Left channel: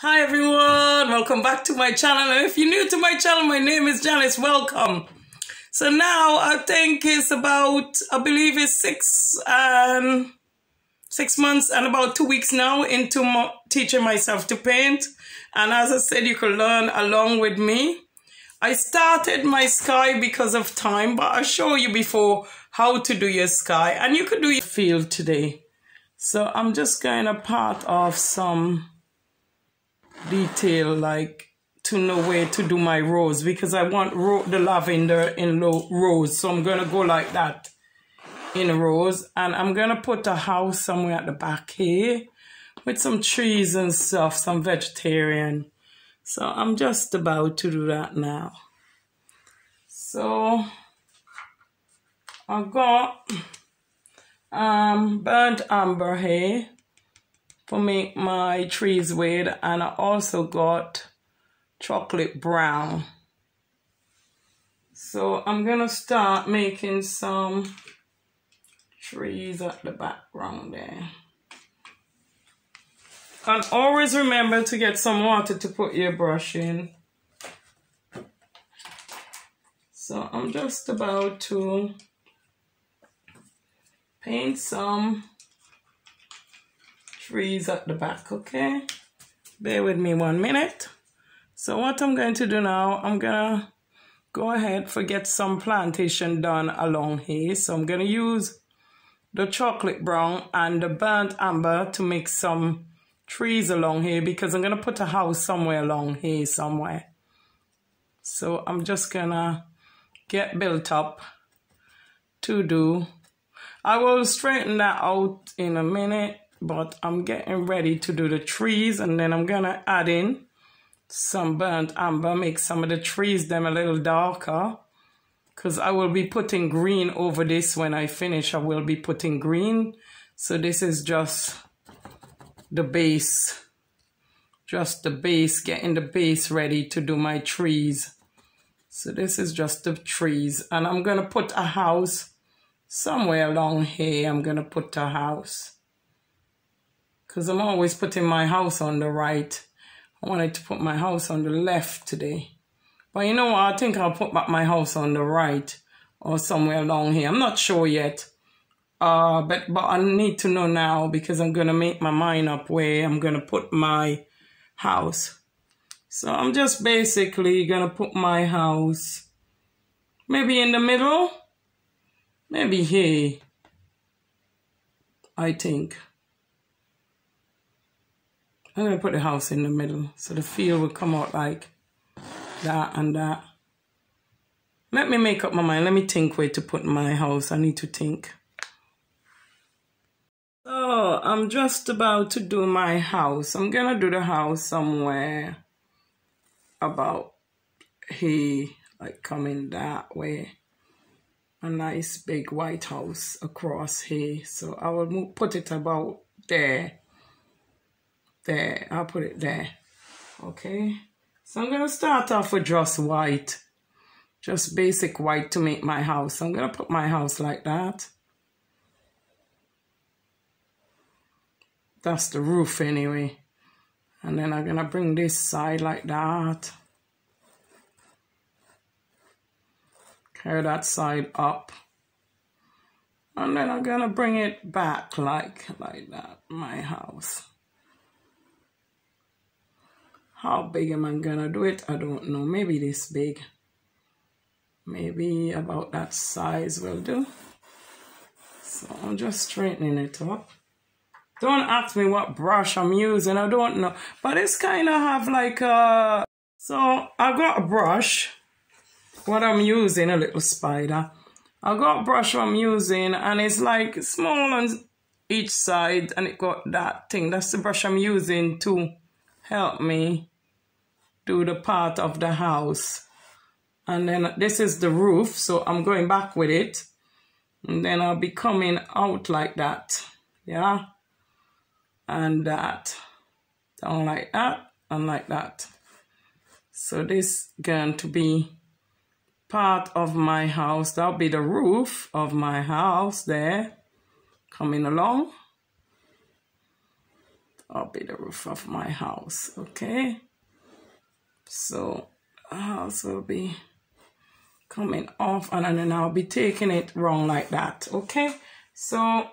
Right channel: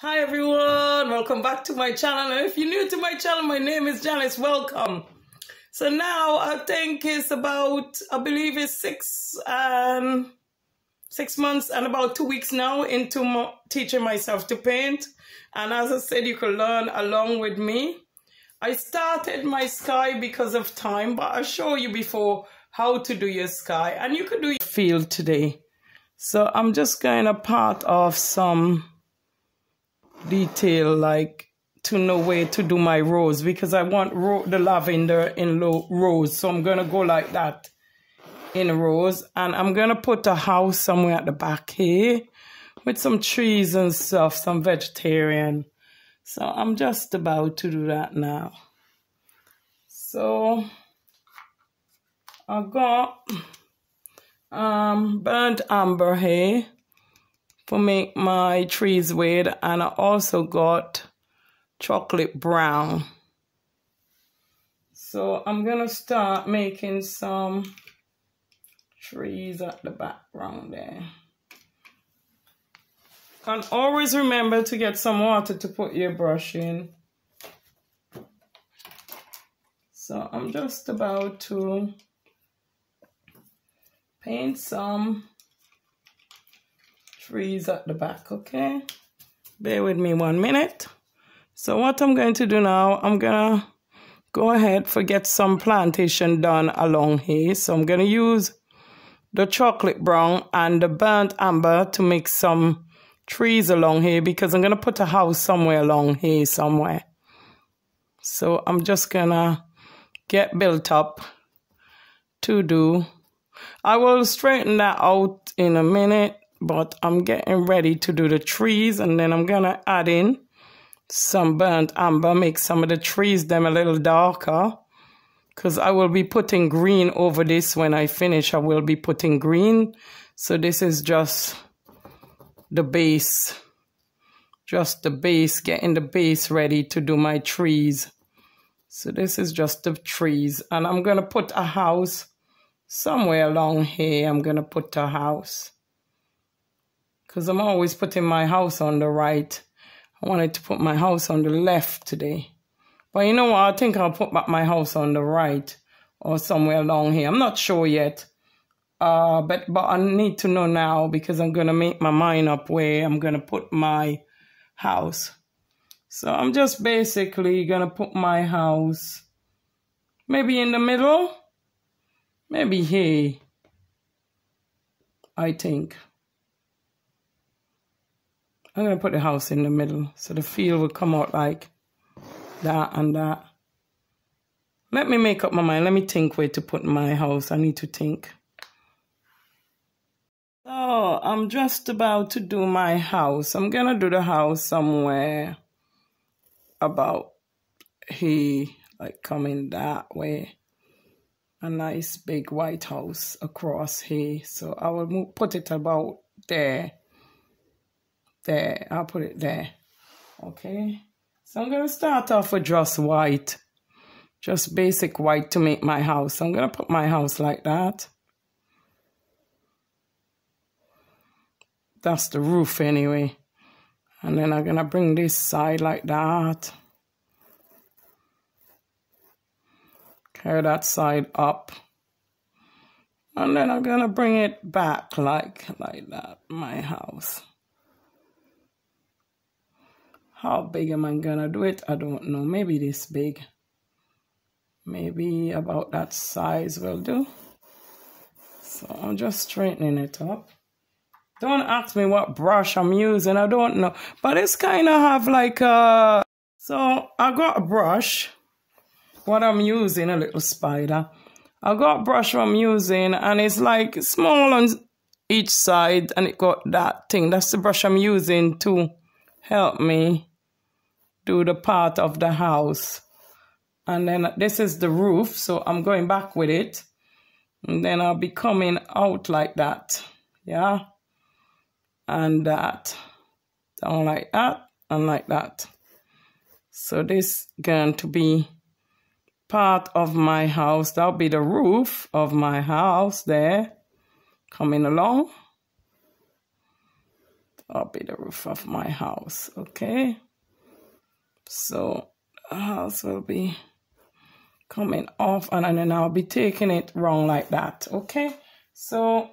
Hi everyone, welcome back to my channel. And if you're new to my channel, my name is Janice. Welcome. So now I think it's about, I believe it's 6 months and about 2 weeks now into teaching myself to paint. And as I said, you can learn along with me. I started my sky because of time, but I'll show you before how to do your sky. And you could do your field today. So I'm just going to part off some detail, like to know where to do my rose, because I want the lavender in rose. So I'm going to go like that in rose. And I'm going to put a house somewhere at the back here with some trees and stuff, some vegetarian. So I'm just about to do that now. So I've got burnt amber here for make my trees with, and I also got chocolate brown. So I'm gonna start making some trees at the background there. And always remember to get some water to put your brush in. So I'm just about to paint some trees at the back, okay? Bear with me 1 minute. So what I'm going to do now, I'm gonna go ahead and get some plantation done along here. So I'm gonna use the chocolate brown and the burnt amber to make some trees along here, because I'm gonna put a house somewhere along here somewhere. So I'm just gonna get built up to do. I will straighten that out in a minute, but I'm getting ready to do the trees, and then I'm gonna add in some burnt amber, make some of the trees them a little darker, because I will be putting green over this. When I finish, I will be putting green. So this is just the base, getting the base ready to do my trees. So this is just the trees, and I'm gonna put a house somewhere along here. I'm gonna put a house, because I'm always putting my house on the right. I wanted to put my house on the left today. But you know what? I think I'll put back my house on the right or somewhere along here. I'm not sure yet. But I need to know now, because I'm going to make my mind up where I'm going to put my house. So I'm just basically going to put my house maybe in the middle. Maybe here, I think. I'm going to put the house in the middle, so the field will come out like that and that. Let me make up my mind. Let me think where to put my house. I need to think. So I'm just about to do my house. I'm going to do the house somewhere about here, like coming that way. A nice big white house across here. So I will put it about there. There, I'll put it there. Okay. So I'm going to start off with just white. Just basic white to make my house. I'm going to put my house like that. That's the roof anyway. And then I'm going to bring this side like that. Carry that side up. And then I'm going to bring it back like that, my house. How big am I going to do it? I don't know. Maybe this big. Maybe about that size will do. So I'm just straightening it up. Don't ask me what brush I'm using. I don't know. But it's kind of have like a... So I got a brush. What I'm using, a little spider. I got a brush I'm using, and it's like small on each side, and it got that thing. That's the brush I'm using to help me do the part of the house. And then this is the roof, so I'm going back with it. And then I'll be coming out like that. Yeah. And that. Down like that and like that. So this going to be part of my house. That'll be the roof of my house there. Coming along. That'll be the roof of my house, okay? So the house will be coming off, and then I'll be taking it round like that, okay? So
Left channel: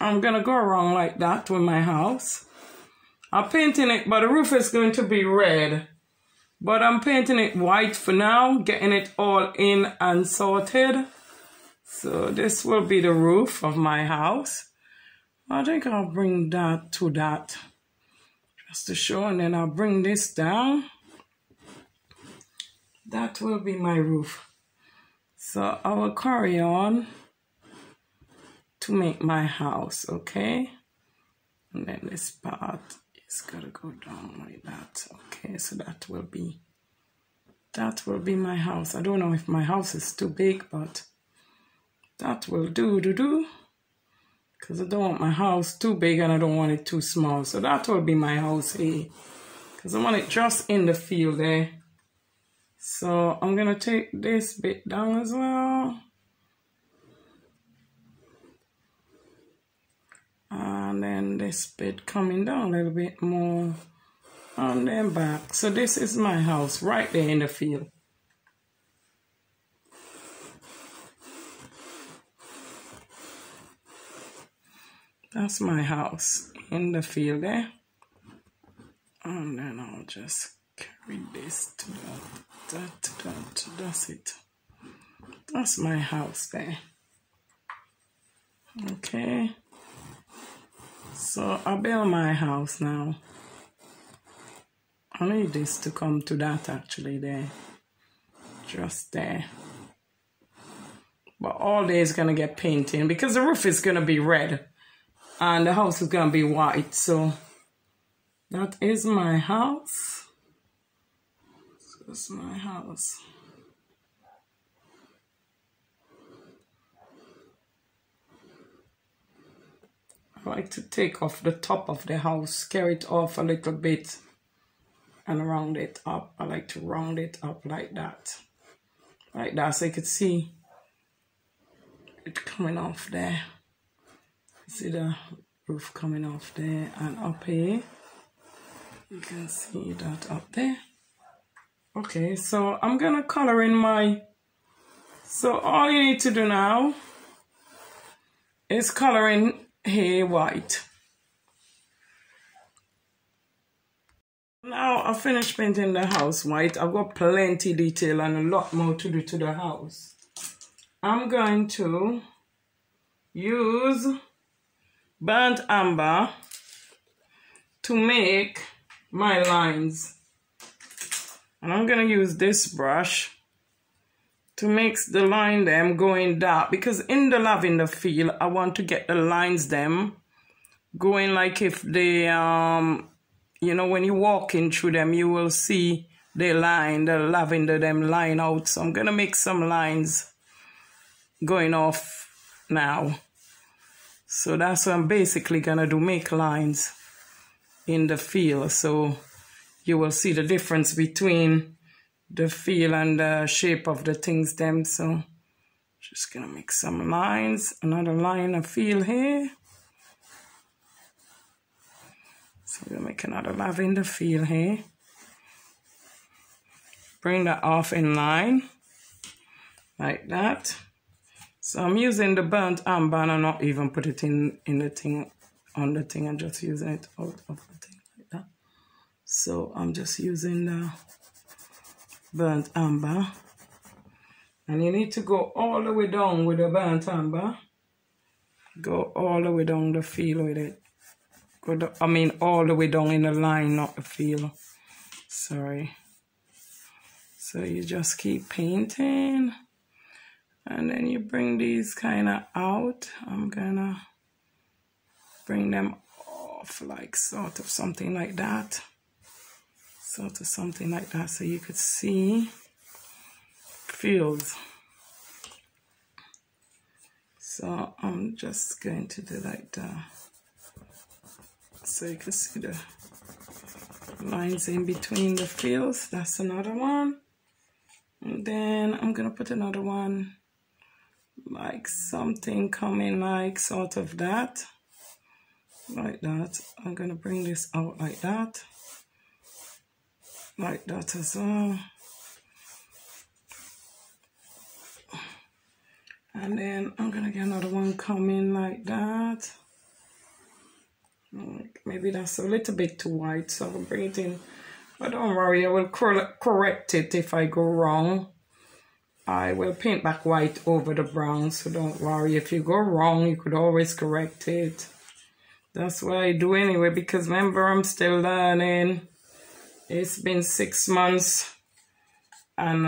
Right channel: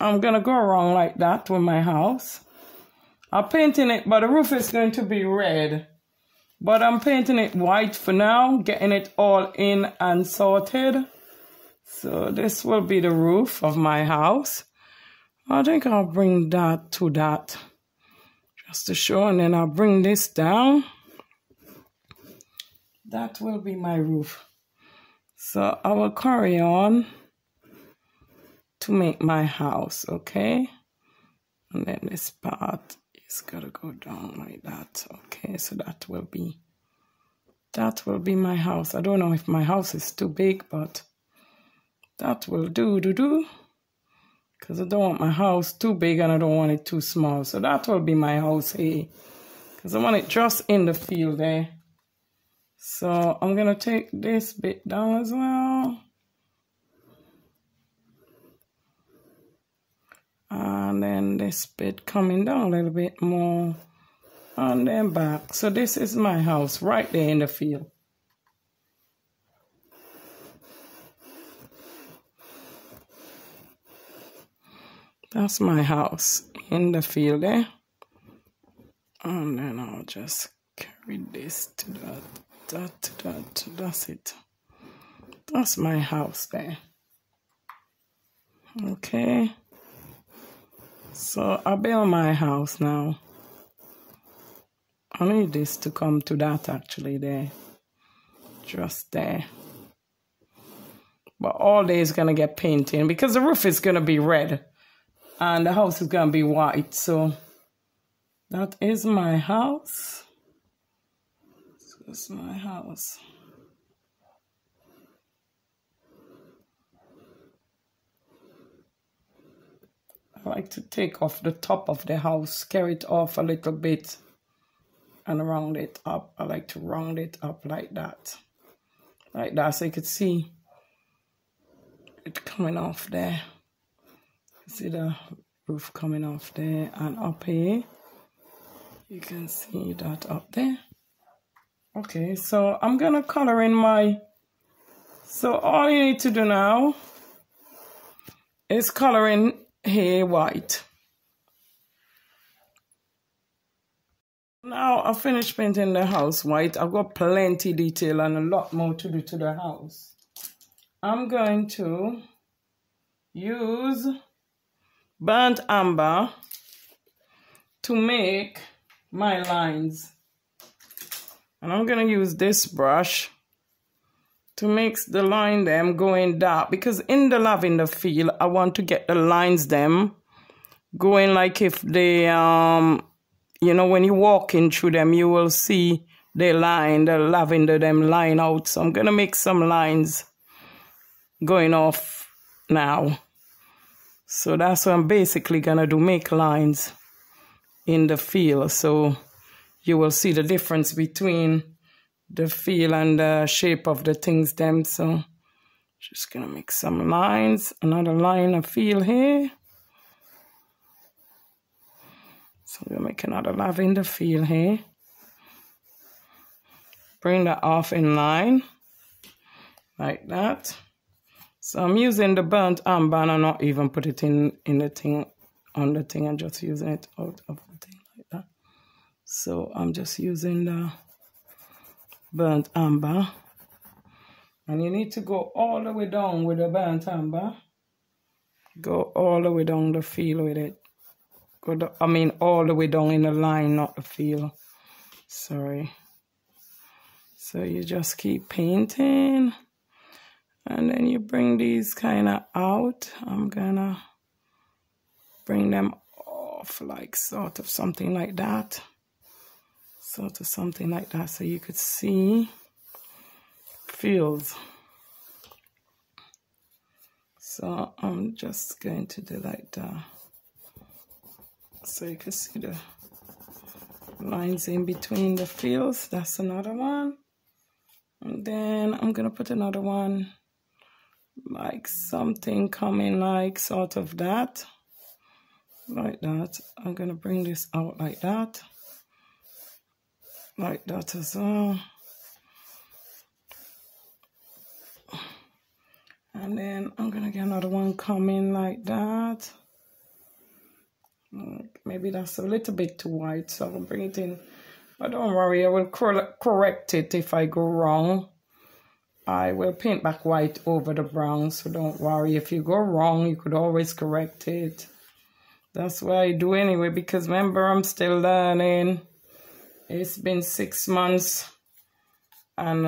I'm gonna go around like that with my house. I'm painting it, but the roof is going to be red. But I'm painting it white for now, getting it all in and sorted. So this will be the roof of my house. I think I'll bring that to that, just to show, and then I'll bring this down. That will be my roof. So I will carry on to make my house, okay? And then this part is gotta go down like that, okay? So that will be my house. I don't know if my house is too big, but that will do, because I don't want my house too big and I don't want it too small. So that will be my house here, because I want it just in the field there. So I'm gonna take this bit down as well. And then this bit coming down a little bit more. And then back. So this is my house right there in the field. That's my house in the field there. And then I'll just carry this to that. That's it. That's my house there. Okay. So I build my house now. I need this to come to that actually there. Just there. But all day is gonna get painting because the roof is gonna be red and the house is gonna be white. So that is my house. So that's my house. I like to take off the top of the house, carry it off a little bit and round it up. I like to round it up like that. Like that, so you could see it coming off there. See the roof coming off there and up here. You can see that up there. Okay, so I'm gonna color in my... So all you need to do now is color in here white. Now I finished painting the house white. I've got plenty detail and a lot more to do to the house. I'm going to use burnt umber to make my lines. And I'm going to use this brush to make the line them going dark, because in the lavender field I want to get the lines them going like if they you know, when you walk in through them you will see the lavender them line out. So I'm gonna make some lines going off now. So that's what I'm basically gonna do, make lines in the field, so you will see the difference between the feel and the shape of the things them. So just gonna make some lines, another line of feel here. So we'll make another lavender feel here. Bring that off in line like that. So I'm using the burnt umber and I'm not even put it in the thing, on the thing. I'm just using it out of the thing like that. So I'm just using the burnt umber, and you need to go all the way down with the burnt umber. Go all the way down the field with it. All the way down in the line, not the field. Sorry. So you just keep painting, and then you bring these kind of out. I'm gonna bring them off like sort of something like that. Sort of something like that, so you could see fields. So I'm just going to do like that, so you can see the lines in between the fields. That's another one, and then I'm gonna put another one like something coming like sort of that. like that. I'm gonna bring this out like that as well. And then I'm gonna get another one coming like that. Maybe that's a little bit too white, so I'll bring it in. But don't worry, I will correct it if I go wrong. I will paint back white over the brown, so don't worry. If you go wrong, you could always correct it. That's what I do anyway, because remember, I'm still learning. It's been 6 months and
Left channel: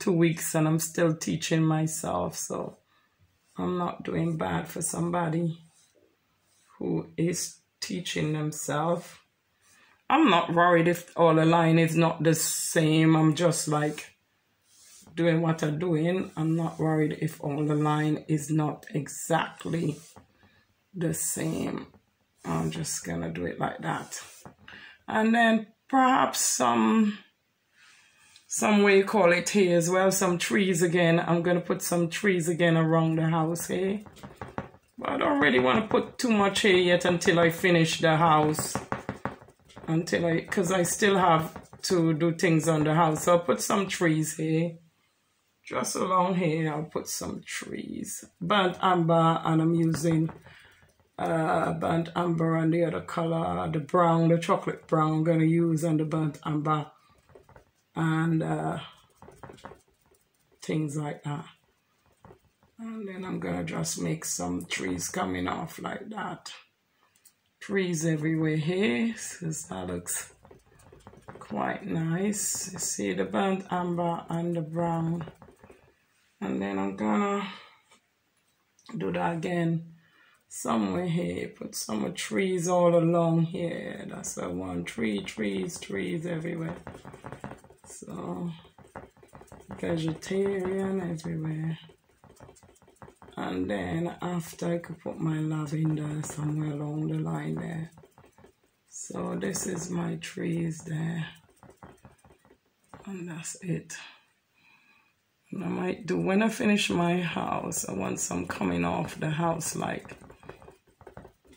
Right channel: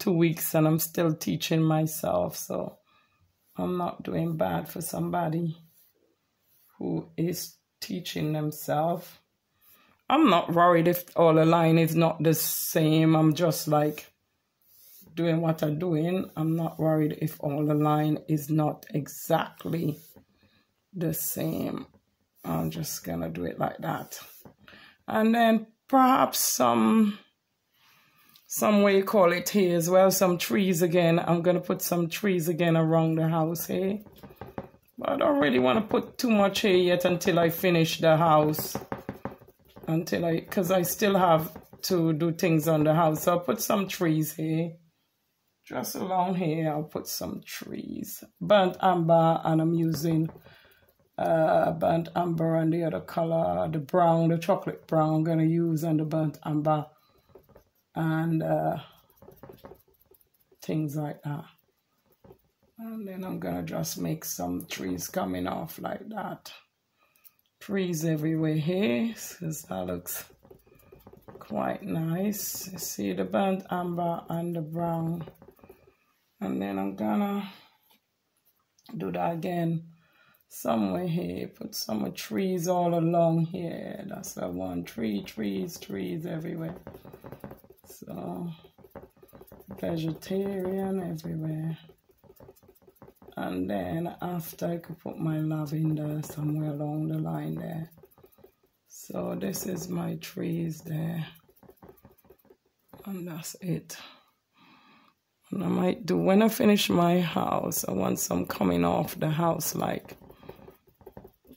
2 weeks, and I'm still teaching myself, so I'm not doing bad for somebody who is teaching themselves. I'm not worried if all the line is not the same. I'm just like doing what I'm doing. I'm not worried if all the line is not exactly the same. I'm just gonna do it like that. And then perhaps some way you call it here as well, some trees again. I'm gonna put some trees again around the house here. But I don't really want to put too much here yet until I finish the house. Because I still have to do things on the house. So I'll put some trees here. Just along here, I'll put some trees. Burnt amber, and I'm using burnt amber and the other color, the brown, the chocolate brown I'm going to use, and the burnt amber. And things like that. And then I'm gonna just make some trees coming off like that. Trees everywhere here, so that looks quite nice. You see the burnt amber and the brown. And then I'm gonna do that again somewhere here. Put some trees all along here. That's what I want. Trees everywhere. So vegetarian everywhere. And then after, I could put my lavender somewhere along the line there. So this is my trees there. And that's it. And I might do, when I finish my house, I want some coming off the house, like,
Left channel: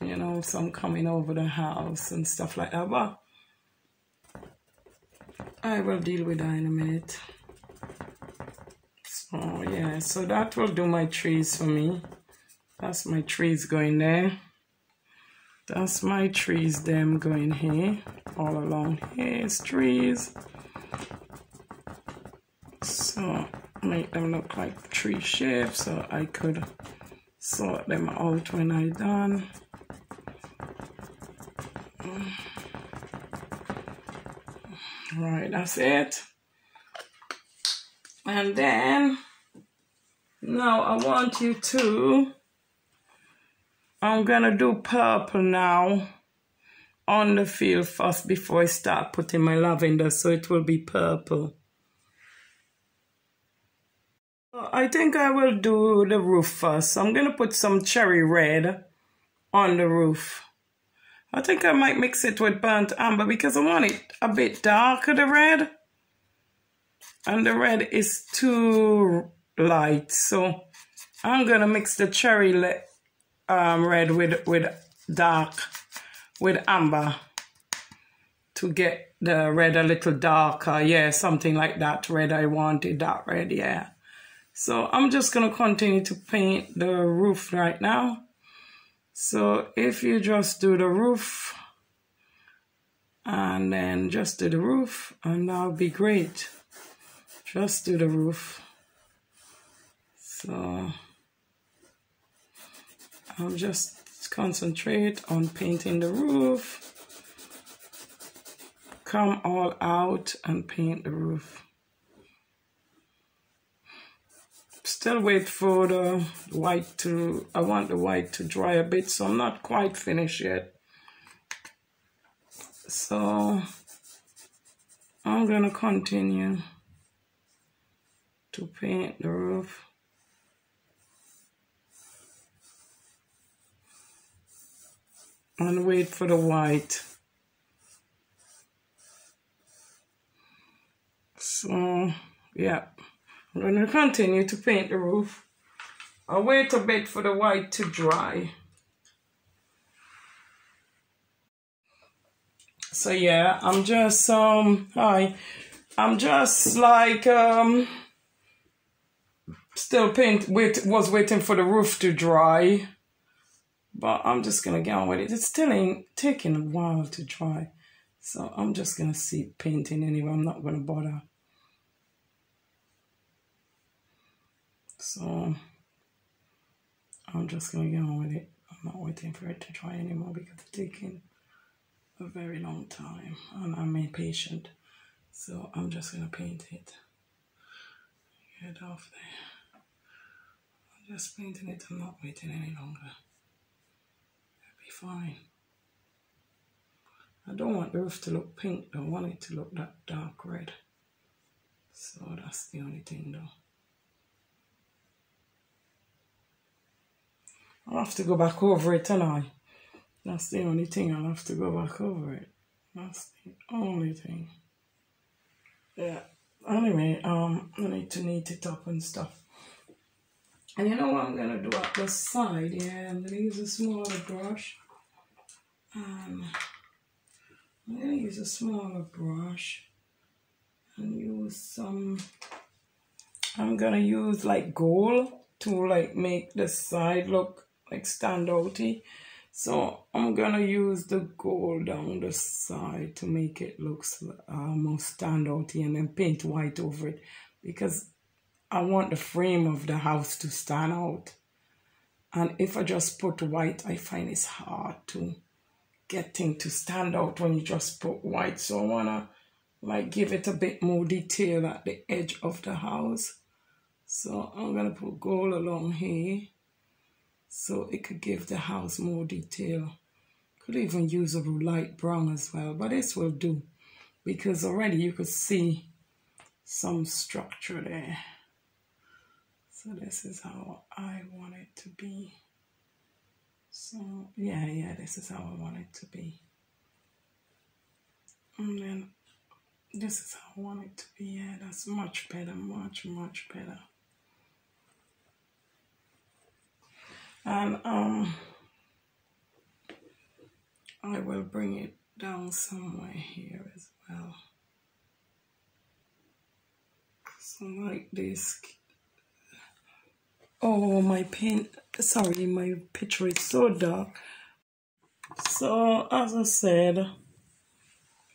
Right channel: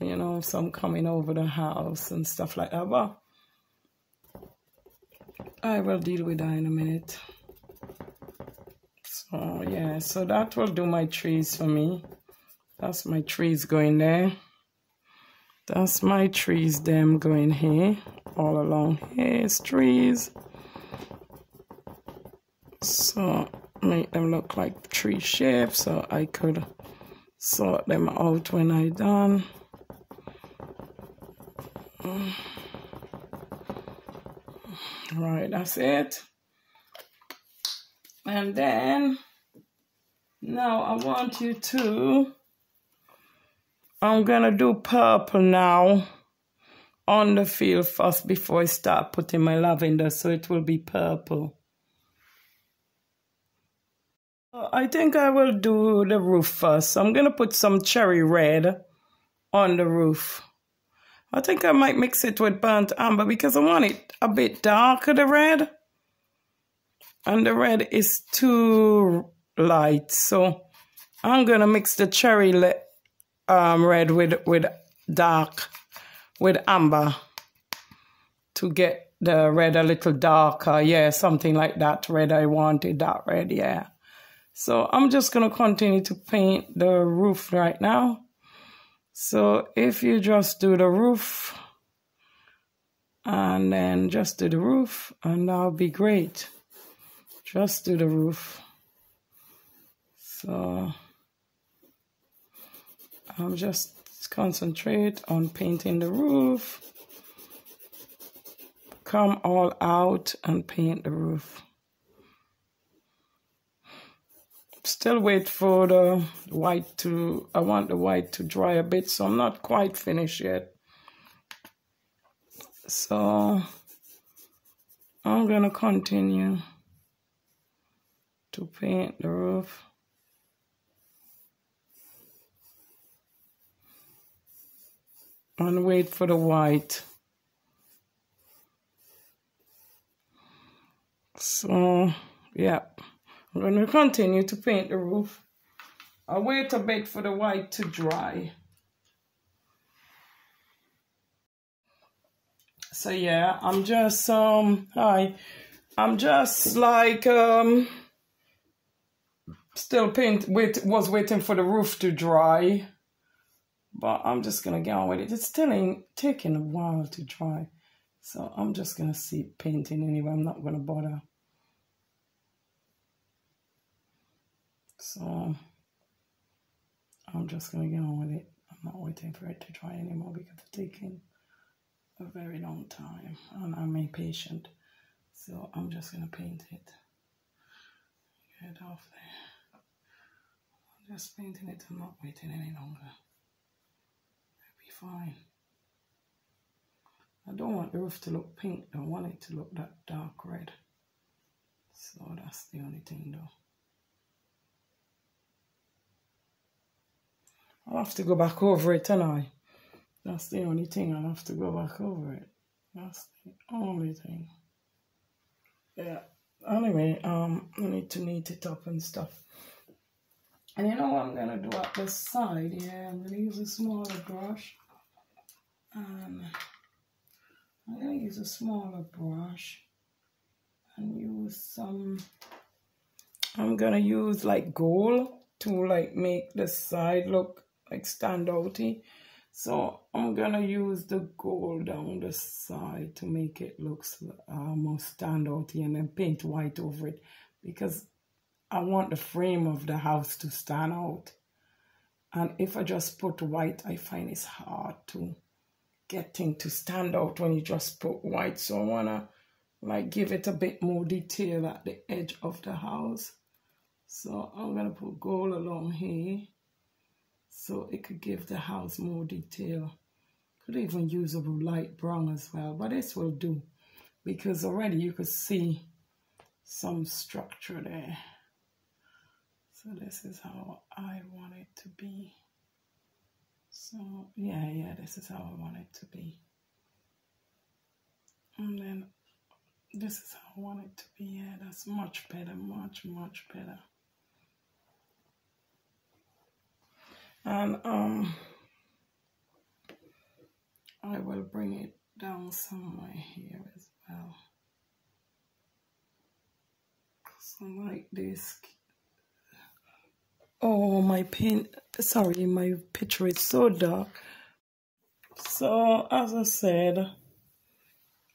you know, some coming over the house and stuff like that. But I will deal with that in a minute. Oh yeah, so that will do my trees for me. That's my trees going there. That's my trees, them going here. All along here is trees. So make them look like tree shapes, so I could sort them out when I'm done. Right, that's it. And then, now I want you to, I'm gonna do purple now on the field first before I start putting my lavender, so it will be purple. I think I will do the roof first. I'm gonna put some cherry red on the roof. I think I might mix it with burnt amber because I want it a bit darker, the red. And the red is too light, so I'm gonna mix the cherry red with amber to get the red a little darker. Yeah, something like that red. I wanted that red, yeah. So I'm just gonna continue to paint the roof right now. So if you just do the roof and then just do the roof, and that'll be great. Just do the roof. So I'll just concentrate on painting the roof. Come all out and paint the roof. Still wait for the white to, I want the white to dry a bit, so I'm not quite finished yet. So I'm gonna continue to paint the roof. And wait for the white. So, yeah, I'm going to continue to paint the roof. I'll wait a bit for the white to dry. So yeah, I'm just hi. I'm just like still was waiting for the roof to dry. But I'm just gonna get on with it. It's still ain't taking a while to dry. So I'm just gonna see painting anyway. I'm not gonna bother. So I'm just gonna get on with it. I'm not waiting for it to dry anymore because it's taking a very long time and I'm impatient. So I'm just gonna paint it. Get off there. I'm just painting it. I'm not waiting any longer. It'll be fine. I don't want the roof to look pink. I want it to look that dark red. So that's the only thing though. I'll have to go back over it tonight. That's the only thing. I'll have to go back over it. That's the only thing. Yeah. Anyway, I need to neat it up and stuff. And you know what I'm gonna do at the side? Yeah, I'm gonna use a smaller brush. And I'm gonna use a smaller brush and use some. I'm gonna use like gold to like make the side look like stand outy. So I'm gonna use the gold down the side to make it look more stand outy, and then paint white over it because I want the frame of the house to stand out. And if I just put white, I find it's hard to get things to stand out when you just put white. So I wanna like give it a bit more detail at the edge of the house. So I'm gonna put gold along here so it could give the house more detail. Could even use a light brown as well, but this will do because already you could see some structure there. So this is how I want it to be. So yeah, this is how I want it to be. And then this is how I want it to be. Yeah, that's much better, much better. And I will bring it down somewhere here as well. So like this. Oh, my my picture is so dark. So as I said,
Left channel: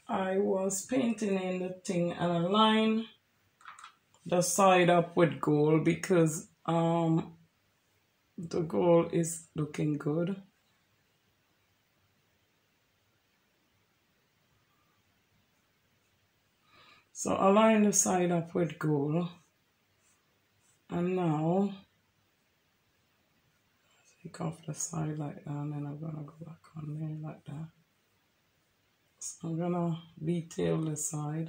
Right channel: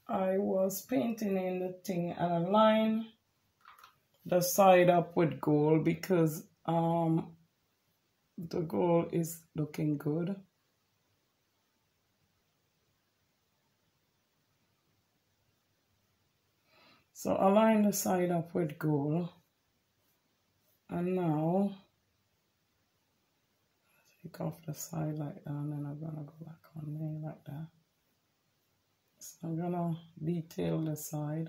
I was painting in the thing and I line the side up with gold because the gold is looking good. So I line the side up with gold, and now take off the side like that, and then I'm gonna go back on there like that. So I'm gonna detail the side,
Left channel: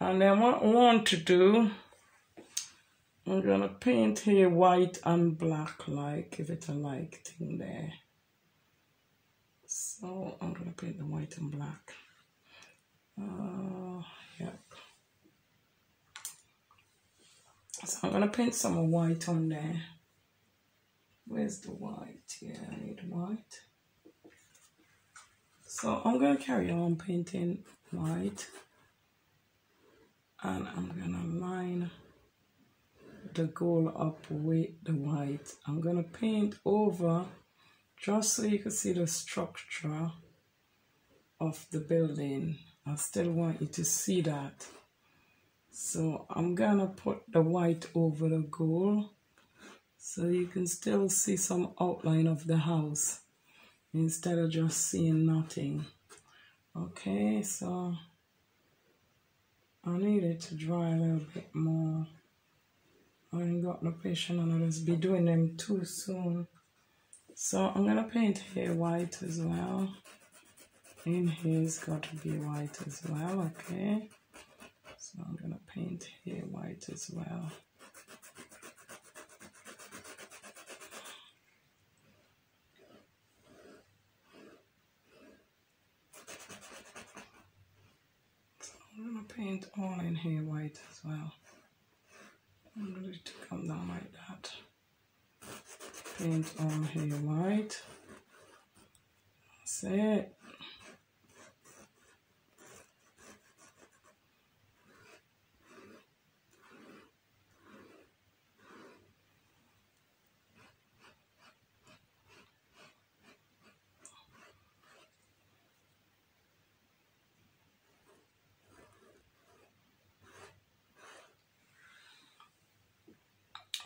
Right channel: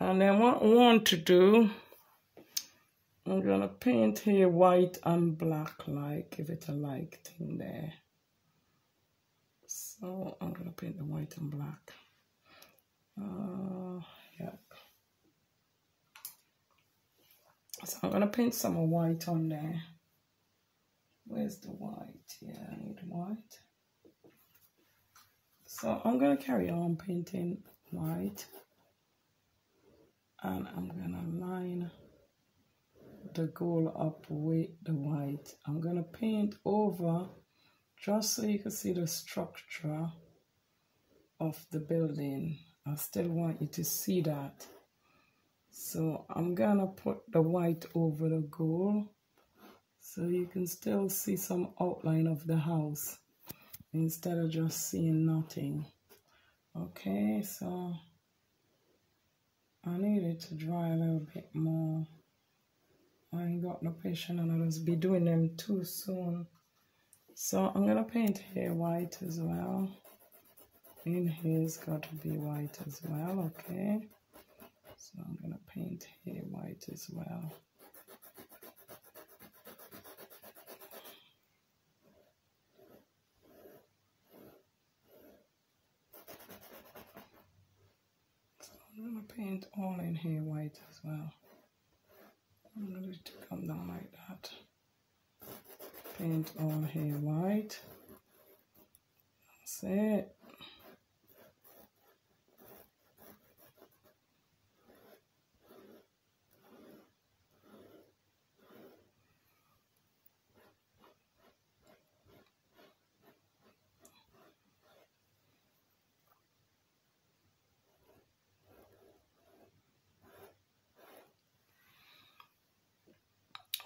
and then what I want to do, I'm gonna paint here white and black, like give it a like thing there. So I'm gonna paint the white and black. Yep. So I'm gonna paint some more white on there. Where's the white? Yeah, I need white. So I'm gonna carry on painting white, and I'm gonna line the gold up with the white. I'm gonna paint over just so you can see the structure of the building. I still want you to see that. So I'm gonna put the white over the gold so you can still see some outline of the house instead of just seeing nothing. Okay, so I need it to dry a little bit more. I ain't got no patience and I'll just be doing them too soon. So I'm gonna paint here white as well. In here's got to be white as well, okay? So I'm gonna paint here white as well. So I'm gonna paint all in here white as well. I'm going to come down like that. Paint all here white. That's it.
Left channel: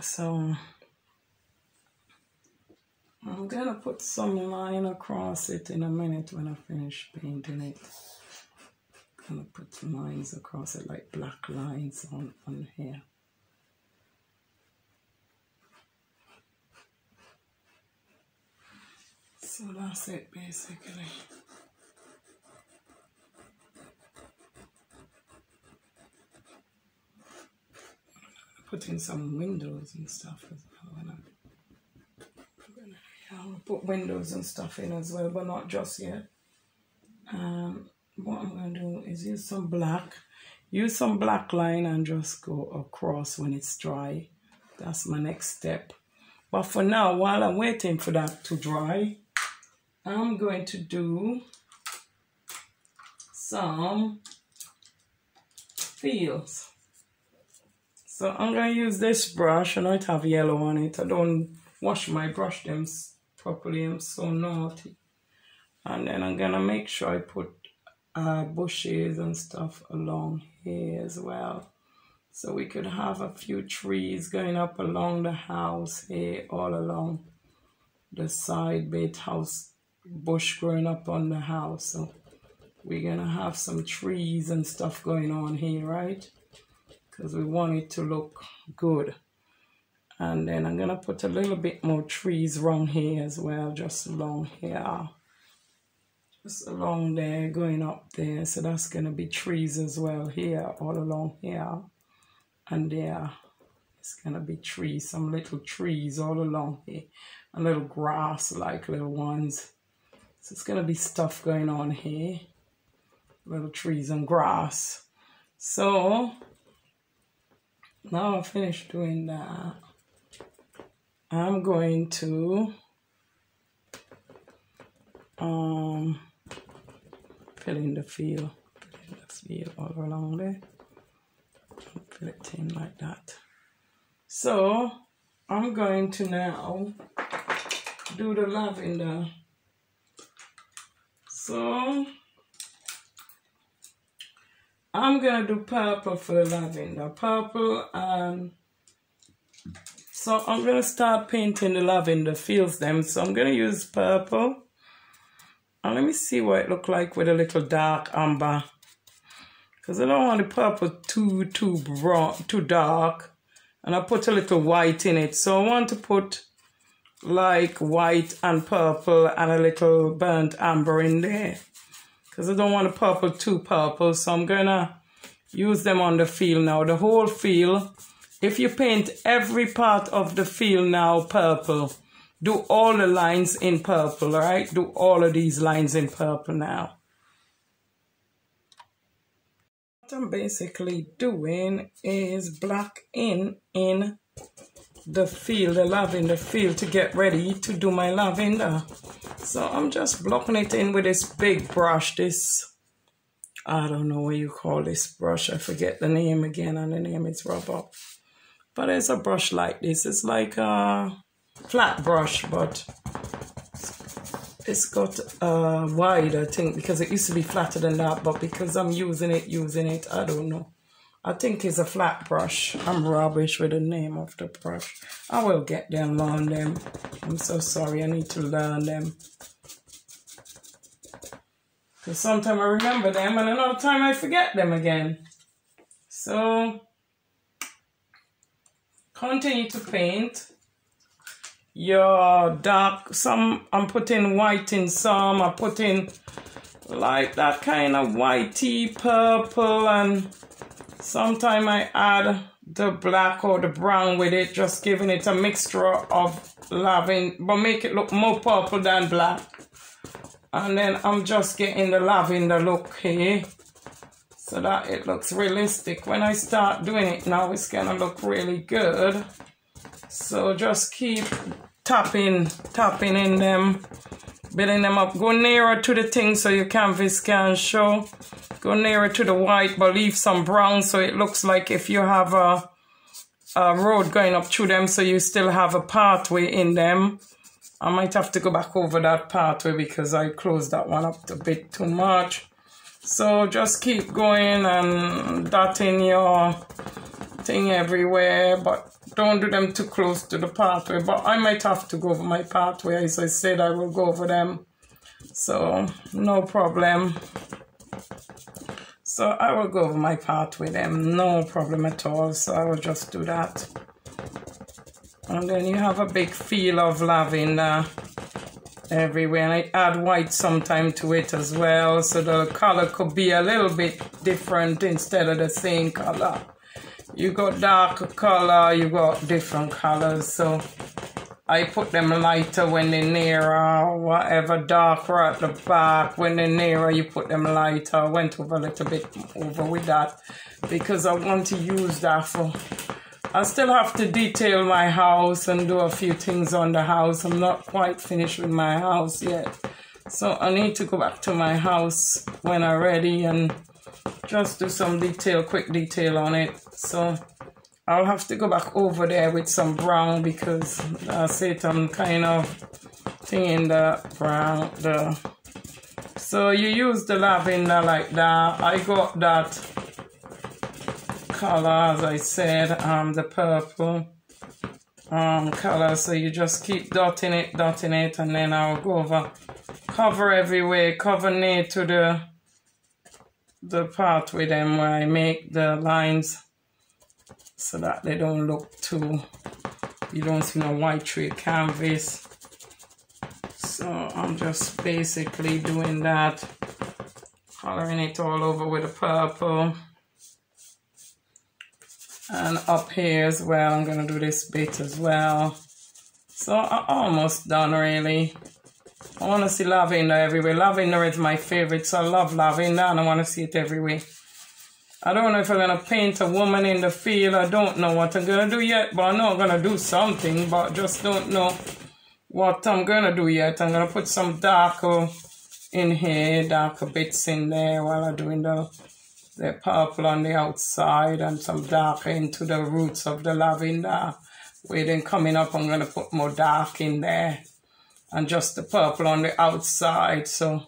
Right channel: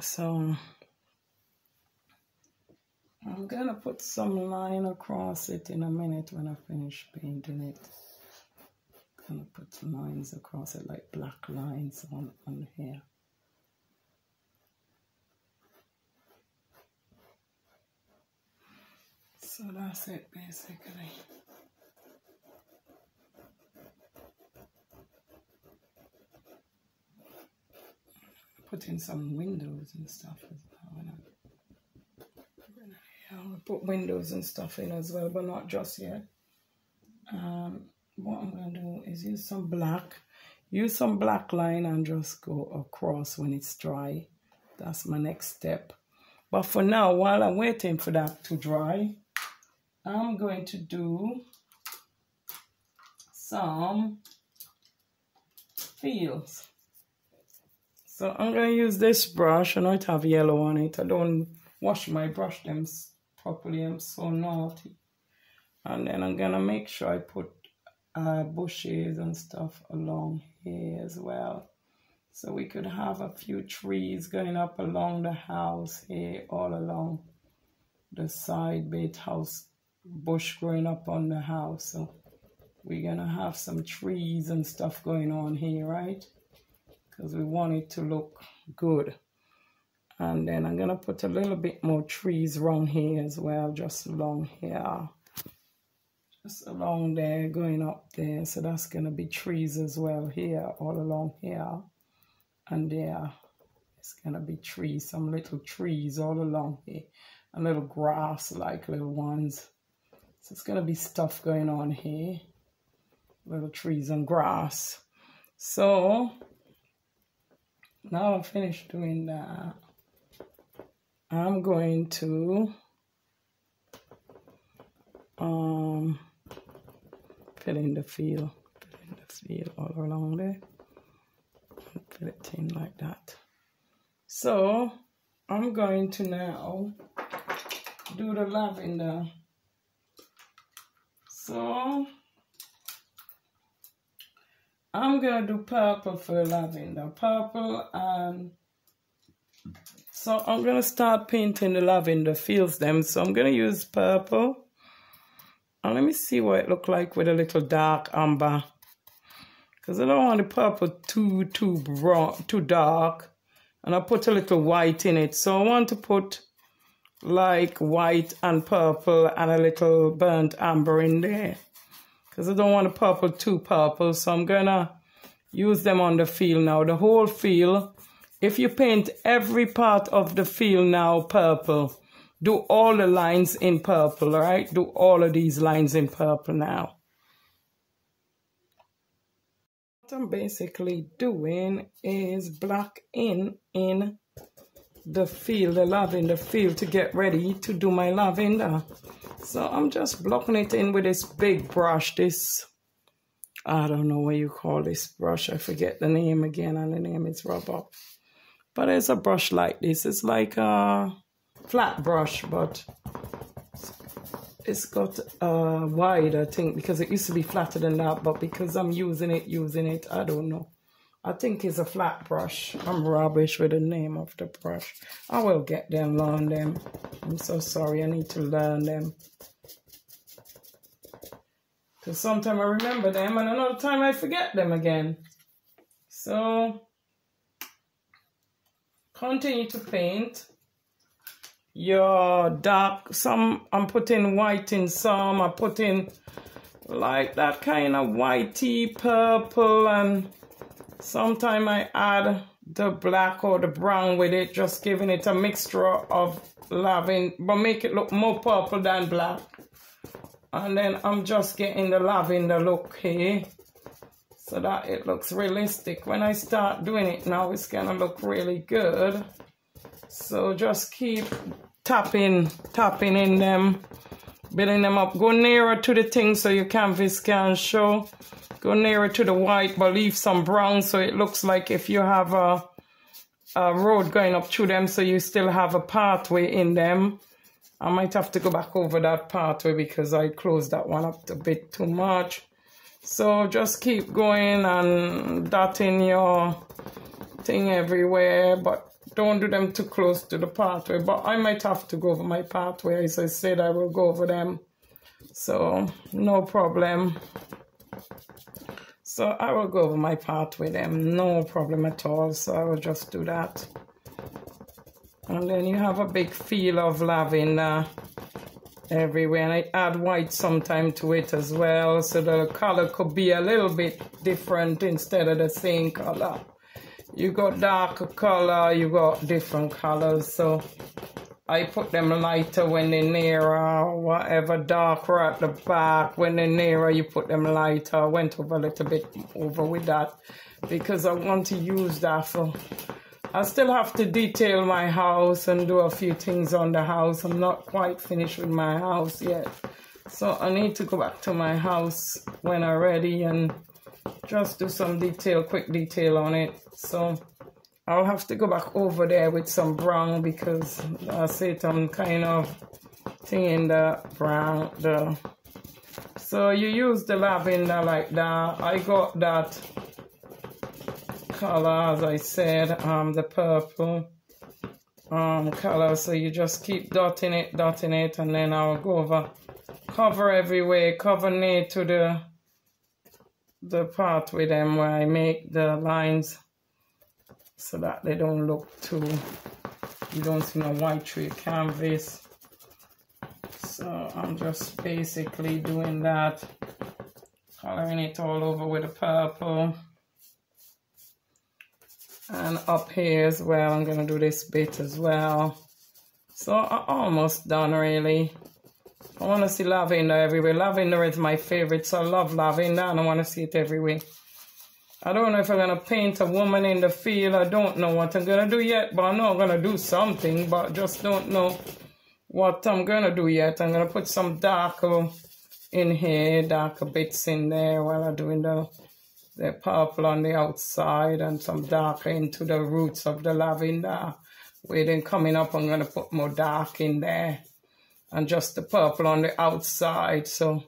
So I'm gonna put some line across it in a minute when I finish painting it. I'm gonna put some lines across it, like black lines on here. So that's it basically. Put in some windows and stuff as well. I'm gonna put windows and stuff in as well, but not just yet. What I'm gonna do is use some black line and just go across when it's dry. That's my next step. But for now, while I'm waiting for that to dry, I'm going to do some fields. So I'm going to use this brush. I know it have yellow on it. I don't wash my brush them properly. I'm so naughty. And then I'm going to make sure I put bushes and stuff along here as well. So we could have a few trees going up along the house here, all along the side bit house, bush growing up on the house. So we're going to have some trees and stuff going on here, right? Because we want it to look good. And then I'm going to put a little bit more trees around here as well, just along here. Just along there, going up there. So that's going to be trees as well here, all along here. And there, it's going to be trees, some little trees all along here. A little grass, like little ones. So it's going to be stuff going on here. Little trees and grass. So now I'm finished doing that. I'm going to fill in the field all along there. Fill it in like that. So I'm going to now do the lavender. So I'm gonna do purple for the lavender. Purple, and so I'm gonna start painting the lavender fields them. So I'm gonna use purple. And let me see what it look like with a little dark amber. Because I don't want the purple too dark. And I put a little white in it. So I want to put like white and purple and a little burnt amber in there. Because I don't want the purple too purple. So I'm going to use them on the field now. The whole field. If you paint every part of the field now purple, do all the lines in purple, all right? Do all of these lines in purple now. What I'm basically doing is black in the field, the lavender field, to get ready to do my lavender. So I'm just blocking it in with this big brush, this, I don't know what you call this brush. I forget the name again, and the name is rubber. But it's a brush like this. It's like a flat brush, but it's got wide, I think, because it used to be flatter than that, but because I'm using it, I don't know. I think it's a flat brush. I'm rubbish with the name of the brush. I will get them, learn them. I'm so sorry, I need to learn them. Because sometimes I remember them and another time I forget them again. So, continue to paint. Your dark, some I'm putting white in some, I put in like that kind of whitey purple, and sometimes I add the black or the brown with it, just giving it a mixture of lavender, but make it look more purple than black. And then I'm just getting the lavender look here so that it looks realistic. When I start doing it now, it's gonna look really good. So just keep tapping in them, building them up. Go nearer to the thing so your canvas can show. Go nearer to the white, but leave some brown so it looks like if you have a road going up through them, so you still have a pathway in them. I might have to go back over that pathway because I closed that one up a bit too much. So just keep going and dotting your thing everywhere, but don't do them too close to the pathway, but I might have to go over my pathway. As I said, I will go over them. So, no problem. So, I will go over my pathway them, no problem at all. So, I will just do that. And then you have a big feel of lavender everywhere. And I add white sometime to it as well. So, the color could be a little bit different instead of the same color. You got darker color, you got different colors. So, I put them lighter when they're nearer, whatever, darker at the back. When they're nearer, you put them lighter. I went over a little bit over with that because I want to use that for... I still have to detail my house and do a few things on the house. I'm not quite finished with my house yet. So I need to go back to my house when I'm ready and just do some detail, quick detail on it. So... I'll have to go back over there with some brown because that's it. I'm kind of thinking the brown. So you use the lavender like that. I got that color, as I said, the purple color. So you just keep dotting it, and then I'll go over, cover everywhere, cover near to the part with them where I make the lines, so that they don't look too, you don't see no white tray canvas. So I'm just basically doing that, coloring it all over with the purple. And up here as well, I'm gonna do this bit as well. So I'm almost done really. I wanna see lavender everywhere. Lavender is my favorite, so I love lavender and I wanna see it everywhere. I don't know if I'm going to paint a woman in the field. I don't know what I'm going to do yet, but I know I'm going to do something, but just don't know what I'm going to do yet. I'm going to put some darker in here, darker bits in there while I'm doing the purple on the outside and some darker into the roots of the lavender. Where then coming up, I'm going to put more dark in there and just the purple on the outside. So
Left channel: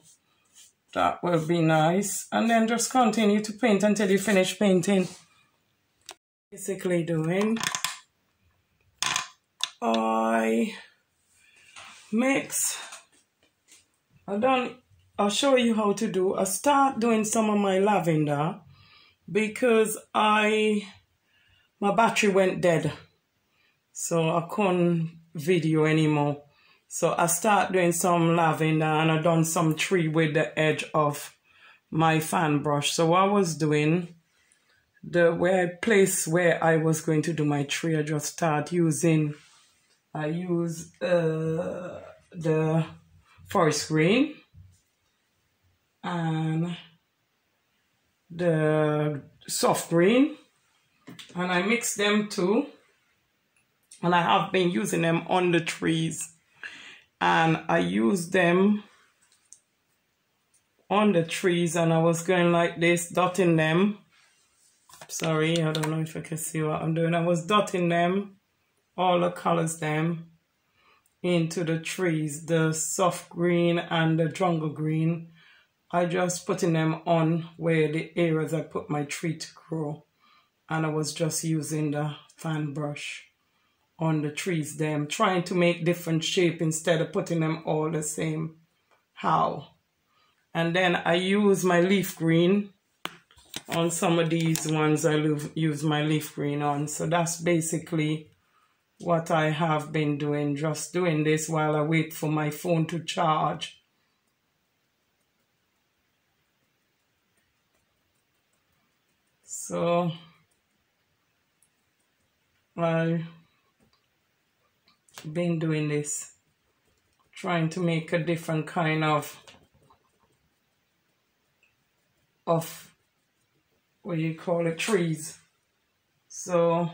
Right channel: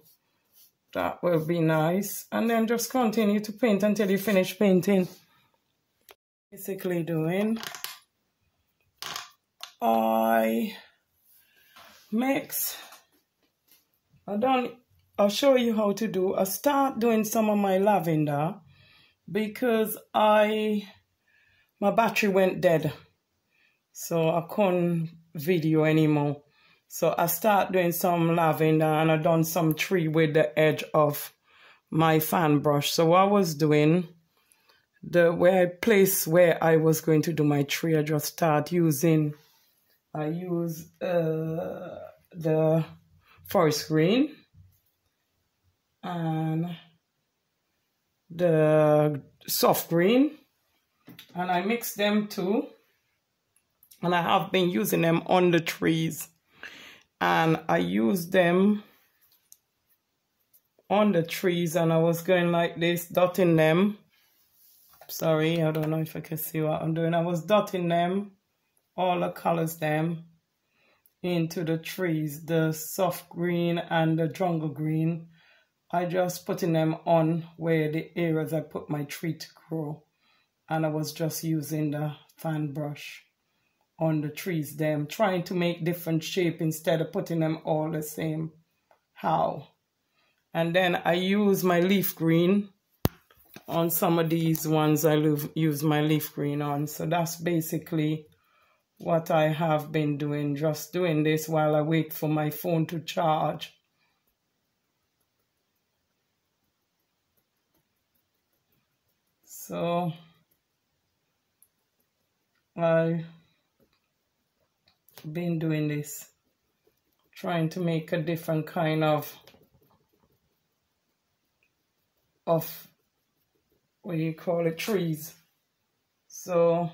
that will be nice. And then just continue to paint until you finish painting. Basically doing, I'll show you how to do. I start doing some of my lavender because my battery went dead. So I couldn't video anymore. So I start doing some lavender and I done some tree with the edge of my fan brush. So what I was doing, place where I was going to do my tree, I just start using, I use the forest green and the soft green, and I mix them too. And I have been using them on the trees. And I used them on the trees and I was going like this, dotting them. Sorry, I don't know if I can see what I'm doing. I was dotting them, all the colors them, into the trees, the soft green and the jungle green. I just putting them on where the areas I put my tree to grow. And I was just using the fan brush on the trees them, trying to make different shape instead of putting them all the same how. And then I use my leaf green on some of these ones. I use my leaf green on. So that's basically what I have been doing, just doing this while I wait for my phone to charge. So I've been doing this, trying to make a different kind of what do you call it, trees. So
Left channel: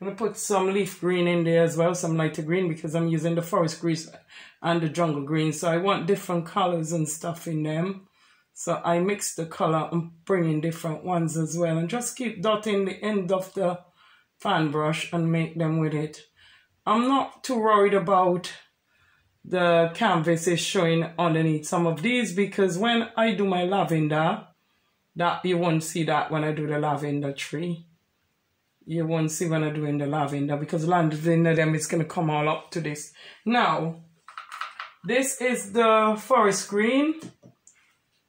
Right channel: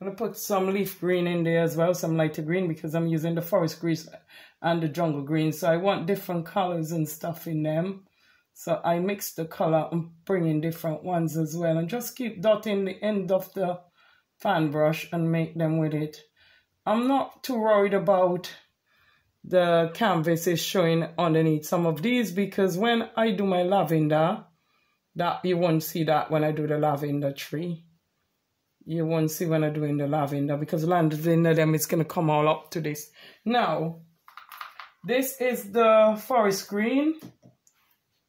I'm gonna put some leaf green in there as well, some lighter green, because I'm using the forest green and the jungle green. So I want different colors and stuff in them. So I mix the color and bring in different ones as well, and just keep dotting the end of the fan brush and make them with it. I'm not too worried about the canvas is showing underneath some of these, because when I do my lavender, that you won't see that when I do the lavender tree. you won't see when I'm doing the lavender, because lavender them is going to come all up to this. Now, this is the forest green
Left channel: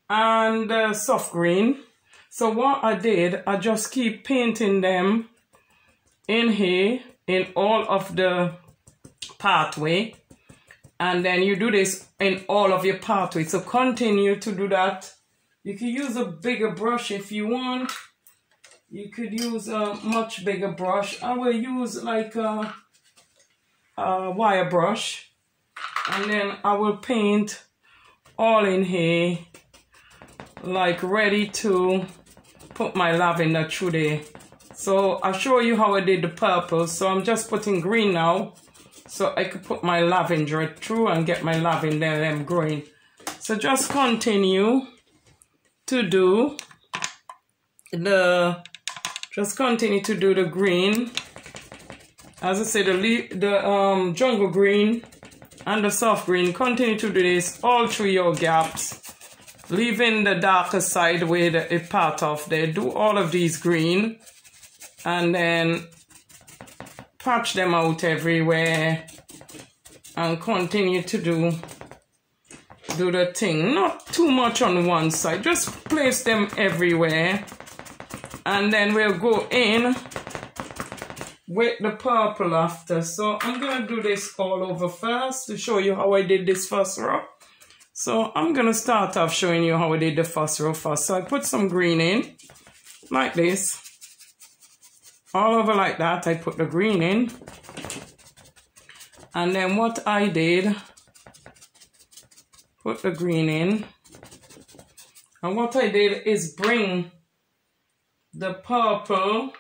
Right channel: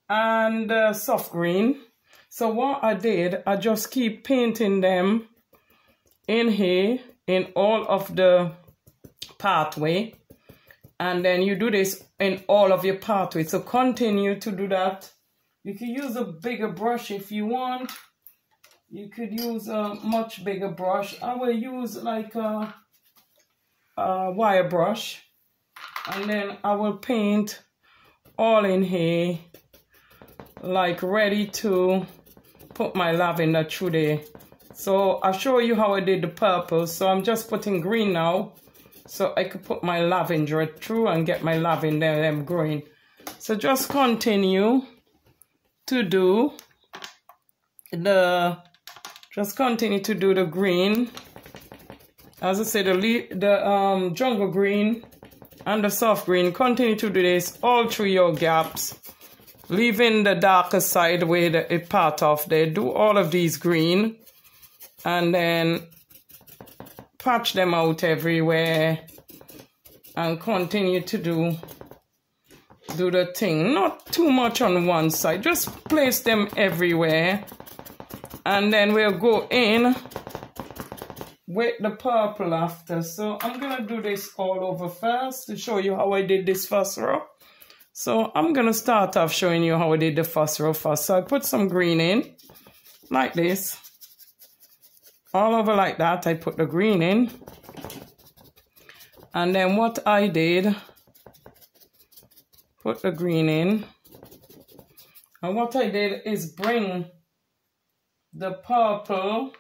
and the soft green. So what I did, I just keep painting them in here in all of the pathway, and then you do this in all of your pathway. So continue to do that. You can use a bigger brush if you want. You could use a much bigger brush. I will use like a wire brush, and then I will paint all in here, like ready to put my lavender through there. So I'll show you how I did the purple. So I'm just putting green now, so I could put my lavender through and get my lavender them growing. So just continue to do the green. As I said, the jungle green and the soft green. Continue to do this all through your gaps, leaving the darker side where it part off there. Do all of these green, and then patch them out everywhere, and continue to do the thing. Not too much on one side, just place them everywhere. And then we'll go in with the purple after. So I'm gonna do this all over first to show you how I did this first row. So I'm gonna start off showing you how I did the first row first. So I put some green in like this, all over like that. I put the green in, and then what I did, put the green in, and what I did is bring the purple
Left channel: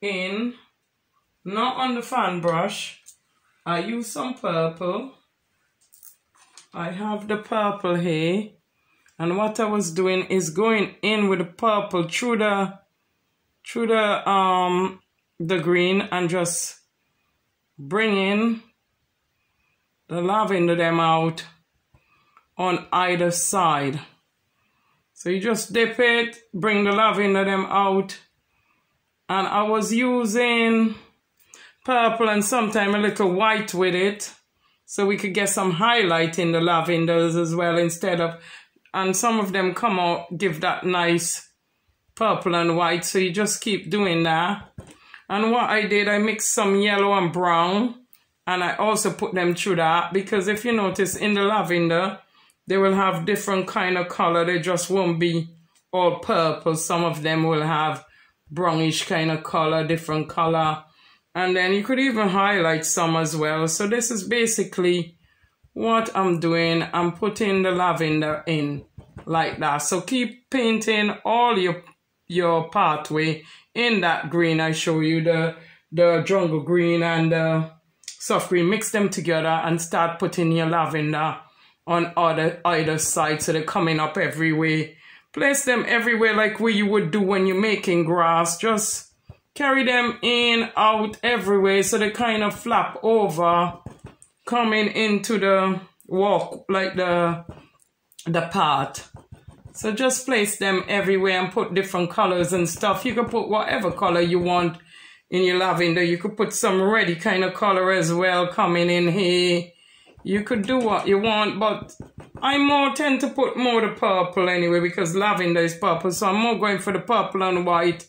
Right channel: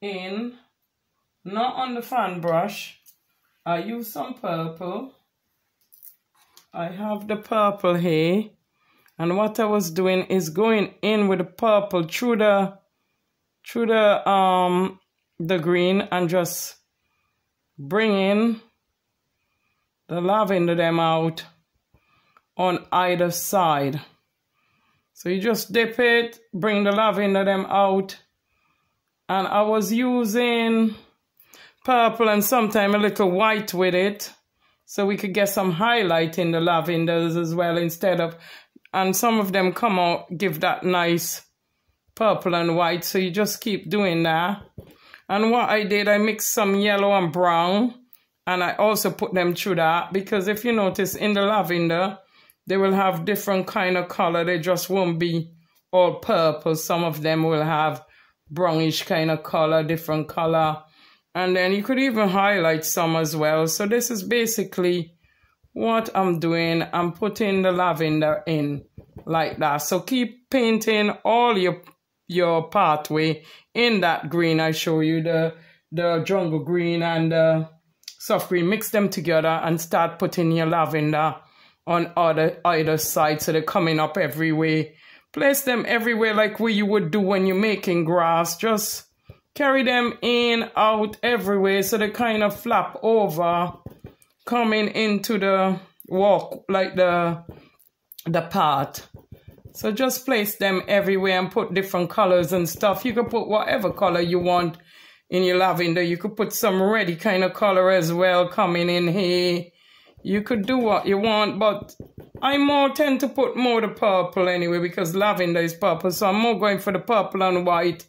in, not on the fan brush. I use some purple. I have the purple here, and what I was doing is going in with the purple through the green, and just bringing the lavender them out on either side. So you just dip it, bring the lavender them out, and I was using purple and sometimes a little white with it, so we could get some highlight in the lavenders as well instead of, and some of them come out, give that nice purple and white, so you just keep doing that. And what I did, I mixed some yellow and brown, and I also put them through that, because if you notice in the lavender, they will have different kind of color. They just won't be all purple. Some of them will have brownish kind of color, different color. And then you could even highlight some as well. So this is basically what I'm doing. I'm putting the lavender in like that. So keep painting all your pathway in that green. I show you the jungle green and the soft green. Mix them together and start putting your lavender on either side, so they're coming up everywhere. Place them everywhere like what you would do when you're making grass. Just carry them in, out, everywhere, so they kind of flap over, coming into the walk, like the path. So just place them everywhere and put different colors and stuff. You can put whatever color you want in your lavender. You could put some reddy kind of color as well coming in here. You could do what you want, but I tend to put more the purple anyway, because lavender is purple. So I'm more going for the purple and white,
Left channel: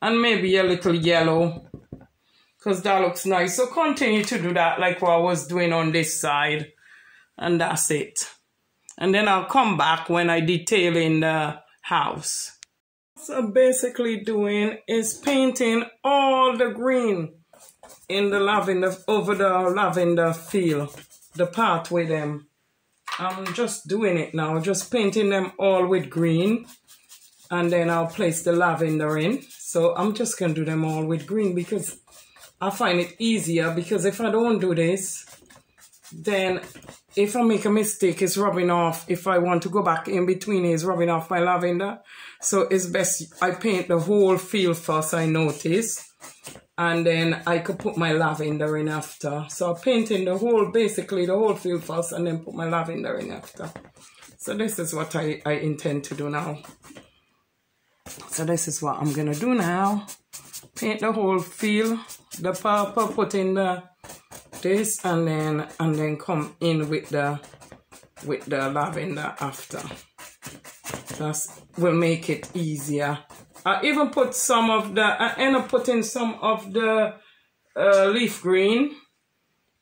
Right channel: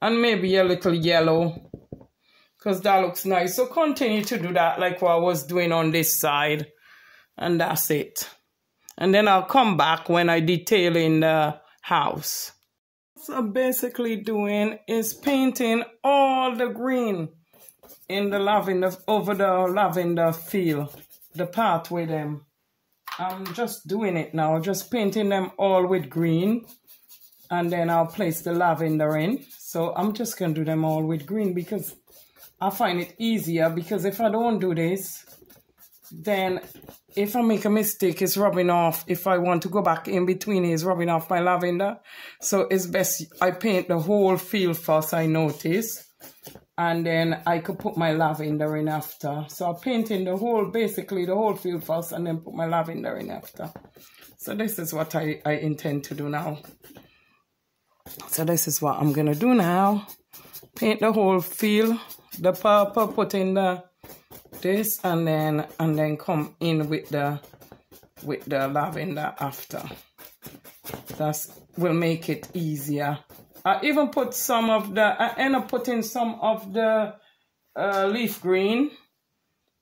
and maybe a little yellow, because that looks nice. So continue to do that like what I was doing on this side, and that's it. And then I'll come back when I detail in the house. What I'm basically doing is painting all the green in the lavender, over the lavender field, the path with them. I'm just doing it now, just painting them all with green, and then I'll place the lavender in. So I'm just gonna do them all with green because I find it easier, because if I don't do this, then if I make a mistake, it's rubbing off. If I want to go back in between, it's rubbing off my lavender. So it's best I paint the whole field first, I notice, and then I could put my lavender in after. So I'm painting the whole, basically the whole field first, and then put my lavender in after. So this is what I intend to do now. So this is what I'm gonna do now. paint the whole feel, the purple, put in this, and then come in with the lavender after. That will make it easier. I even put some of the, I end up putting some of the leaf green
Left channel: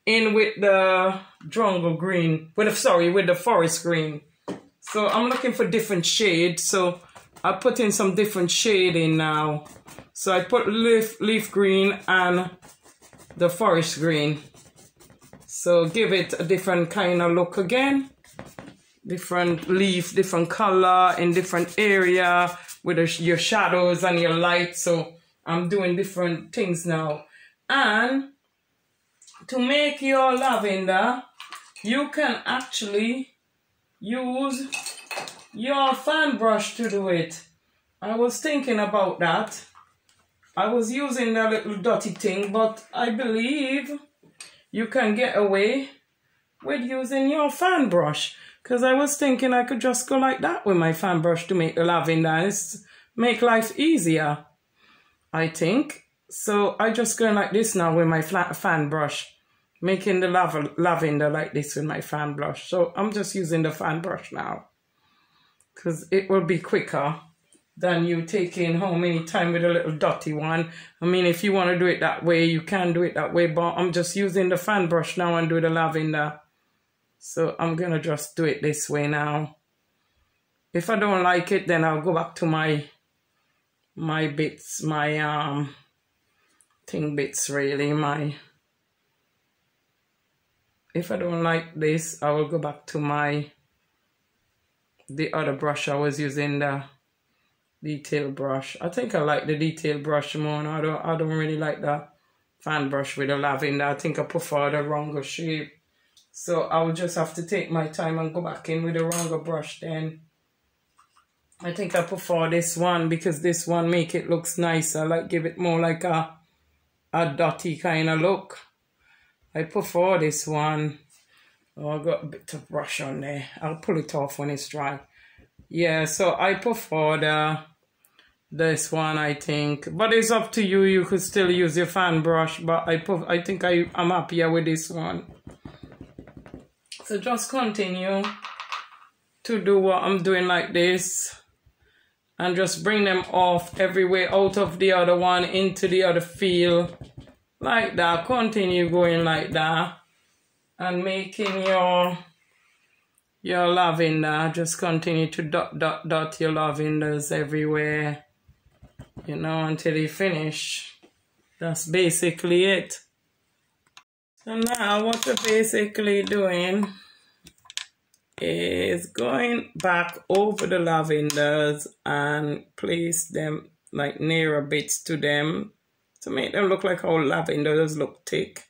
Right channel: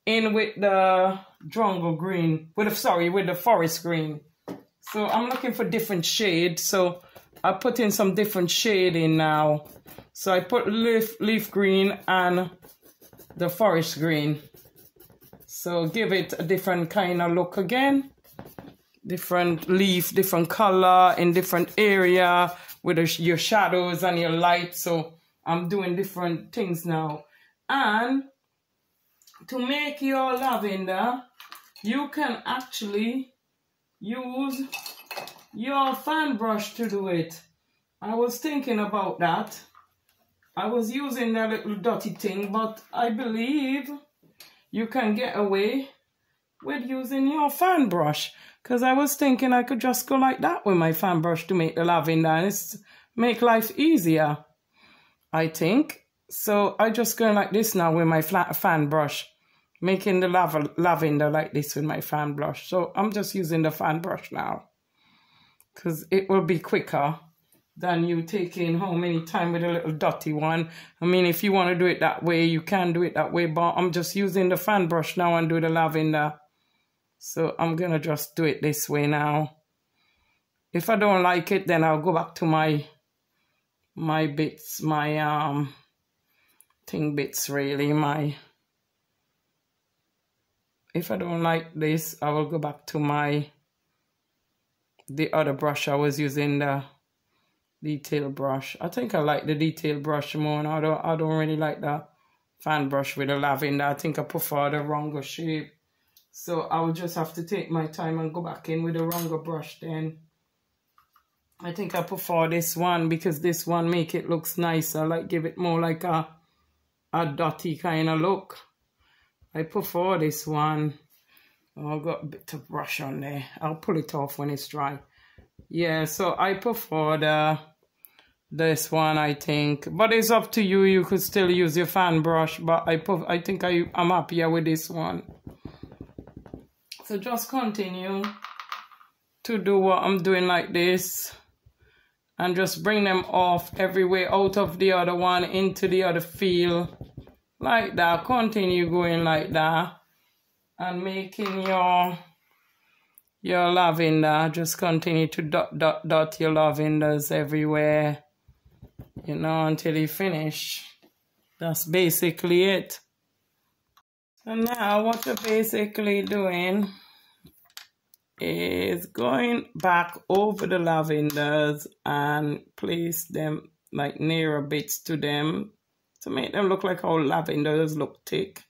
in with the jungle green, with the forest green. So I'm looking for different shades, so I put in some different shade in now. So I put leaf green and the forest green. So give it a different kind of look again. Different leaf, different color in different area with your shadows and your light. So I'm doing different things now. And to make your lavender, you can actually use your fan brush to do it. I was thinking about that. I was using a little dotty thing, but I believe you can get away with using your fan brush. Because I was thinking I could just go like that with my fan brush to make the lavender. Make life easier, I think. So I just go like this now with my fan brush. Making the lavender like this with my fan brush. So I'm just using the fan brush now. Because it will be quicker than you taking how many time with a little dotty one. I mean, if you want to do it that way, you can do it that way. But I'm just using the fan brush now and do the lavender. So I'm going to just do it this way now. If I don't like it, then I'll go back to my bits, my thing bits really, if I don't like this, I will go back to the other brush I was using, the detail brush. I think I like the detail brush more, and I don't really like the fan brush with the lavender. I think I prefer the rounded shape. So I'll just have to take my time and go back in with the rounded brush then. I think I prefer this one because this one make it looks nicer, like give it more like a dotty kind of look. I prefer this one. Oh, I got a bit of brush on there. I'll pull it off when it's dry. Yeah, so I prefer this one, I think. But it's up to you. You could still use your fan brush, but I think I'm happier with this one. So just continue to do what I'm doing like this. And just bring them off everywhere, out of the other one, into the other field. Like that. Continue going like that. And making your lavender. Just continue to dot your lavenders everywhere. You know, until you finish. That's basically it. So now what we're basically doing is going back over the lavenders and place them like nearer bits to them to make them look like how lavenders look thick.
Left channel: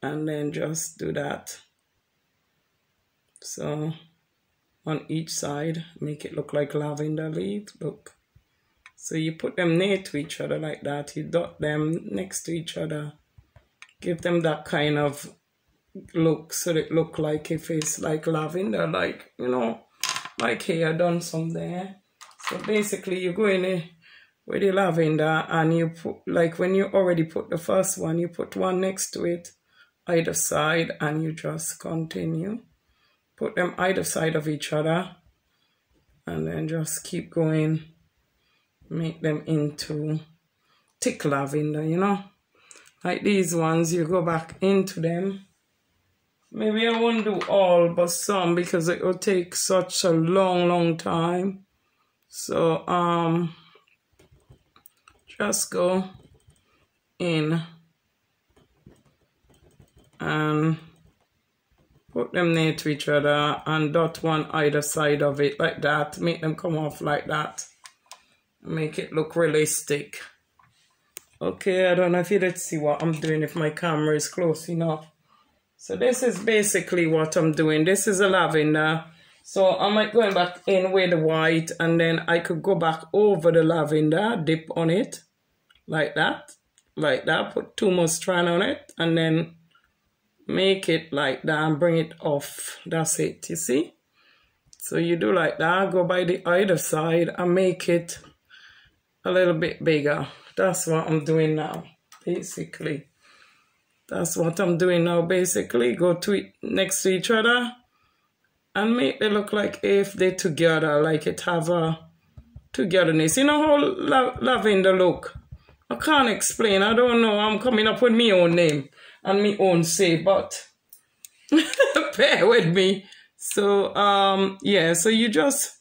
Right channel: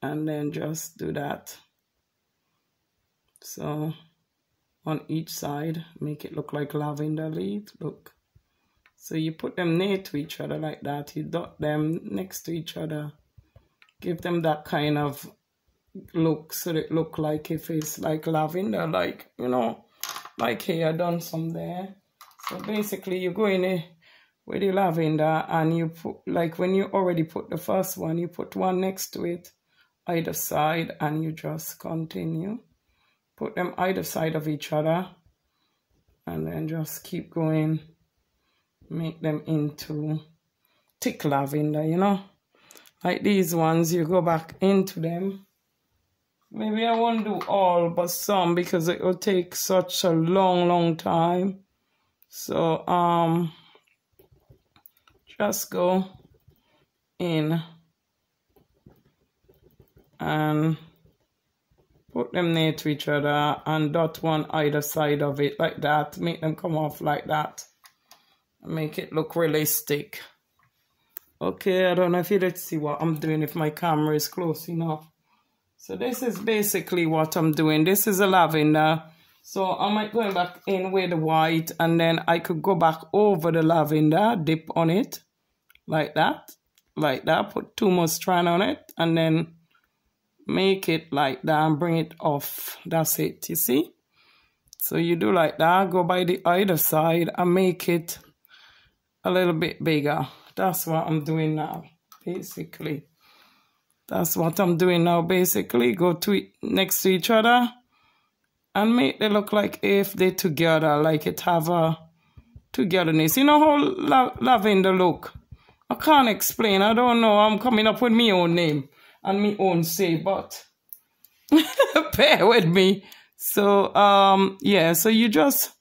And then just do that. So on each side, make it look like lavender leaves. Look. So you put them near to each other like that. You dot them next to each other. Give them that kind of look, so it look like if it's like lavender, like, you know, like here, done some there. So basically you go in with the lavender and you put, like when you already put the first one, you put one next to it, either side, and you just continue. Put them either side of each other and then just keep going. Make them into thick lavender, you know. Like these ones, you go back into them. Maybe I won't do all, but some, because it will take such a long time. So, just go in and put them near to each other and dot one either side of it like that. Make them come off like that. Make it look realistic. Okay, I don't know if you did see what I'm doing, if my camera is close enough. So this is basically what I'm doing. This is a lavender. So I might go back in with the white, and then I could go back over the lavender, dip on it, like that, put 2 more strands on it, and then make it like that and bring it off. That's it, you see? So you do like that, go by the other side and make it a little bit bigger. That's what I'm doing now, basically. That's what I'm doing now, basically. Go to next to each other and make them look like if they're together, like it have a togetherness. You know how lavender look? I can't explain. I don't know. I'm coming up with my own name and my own say, but bear with me. So, yeah, so you just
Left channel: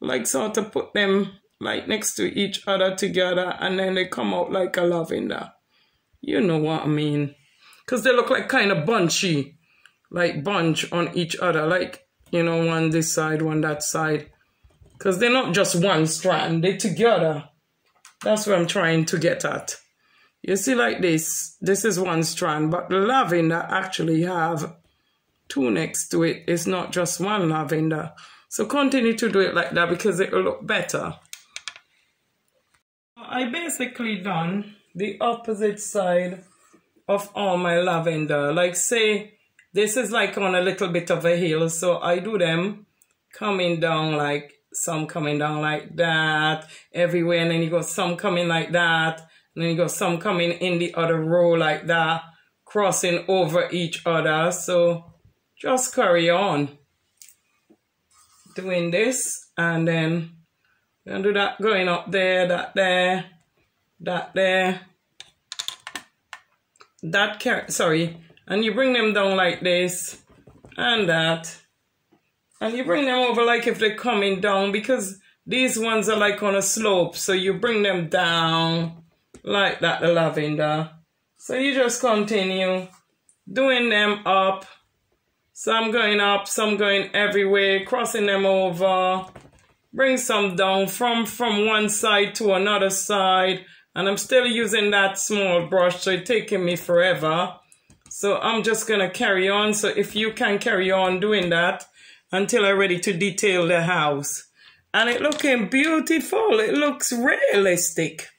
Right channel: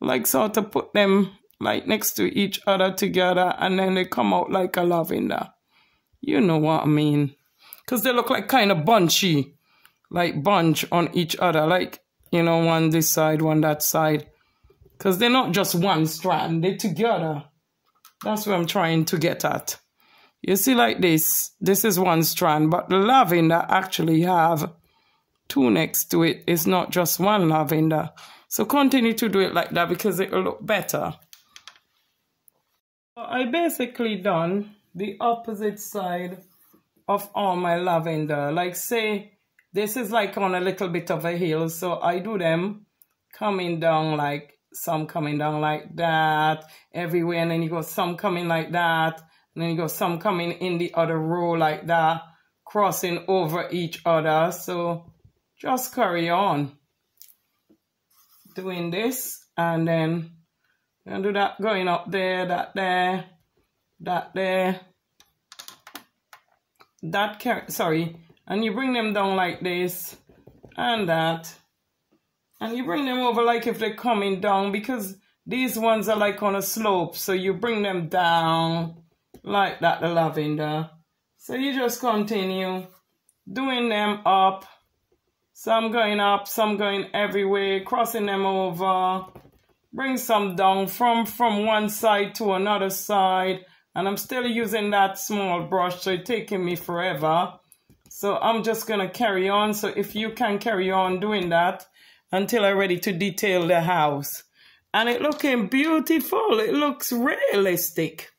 like sort of put them like next to each other together and then they come out like a lavender. You know what I mean? Because they look like kind of bunchy, like bunch on each other, like, you know, one this side, one that side. Because they're not just one strand, they're together. That's what I'm trying to get at. You see like this is one strand, but the lavender actually have two next to it. It's not just one lavender. So continue to do it like that because it will look better. I basically done the opposite side of all my lavender. Like say, this is like on a little bit of a hill. So I do them coming down like, some coming down like that everywhere. And then you go some coming like that. And then you go some coming in the other row like that. Crossing over each other. So just carry on doing this. And then you're gonna do that going up there, that there, that there. Sorry, and you bring them down like this and that, and you bring them over like if they're coming down because these ones are like on a slope, so you bring them down like that, the lavender. So you just continue doing them up, some going up, some going everywhere, crossing them over, bring some down from one side to another side. And I'm still using that small brush, so it's taking me forever. So I'm just going to carry on. So if you can carry on doing that until I'm ready to detail the house. And it's looking beautiful. It looks realistic.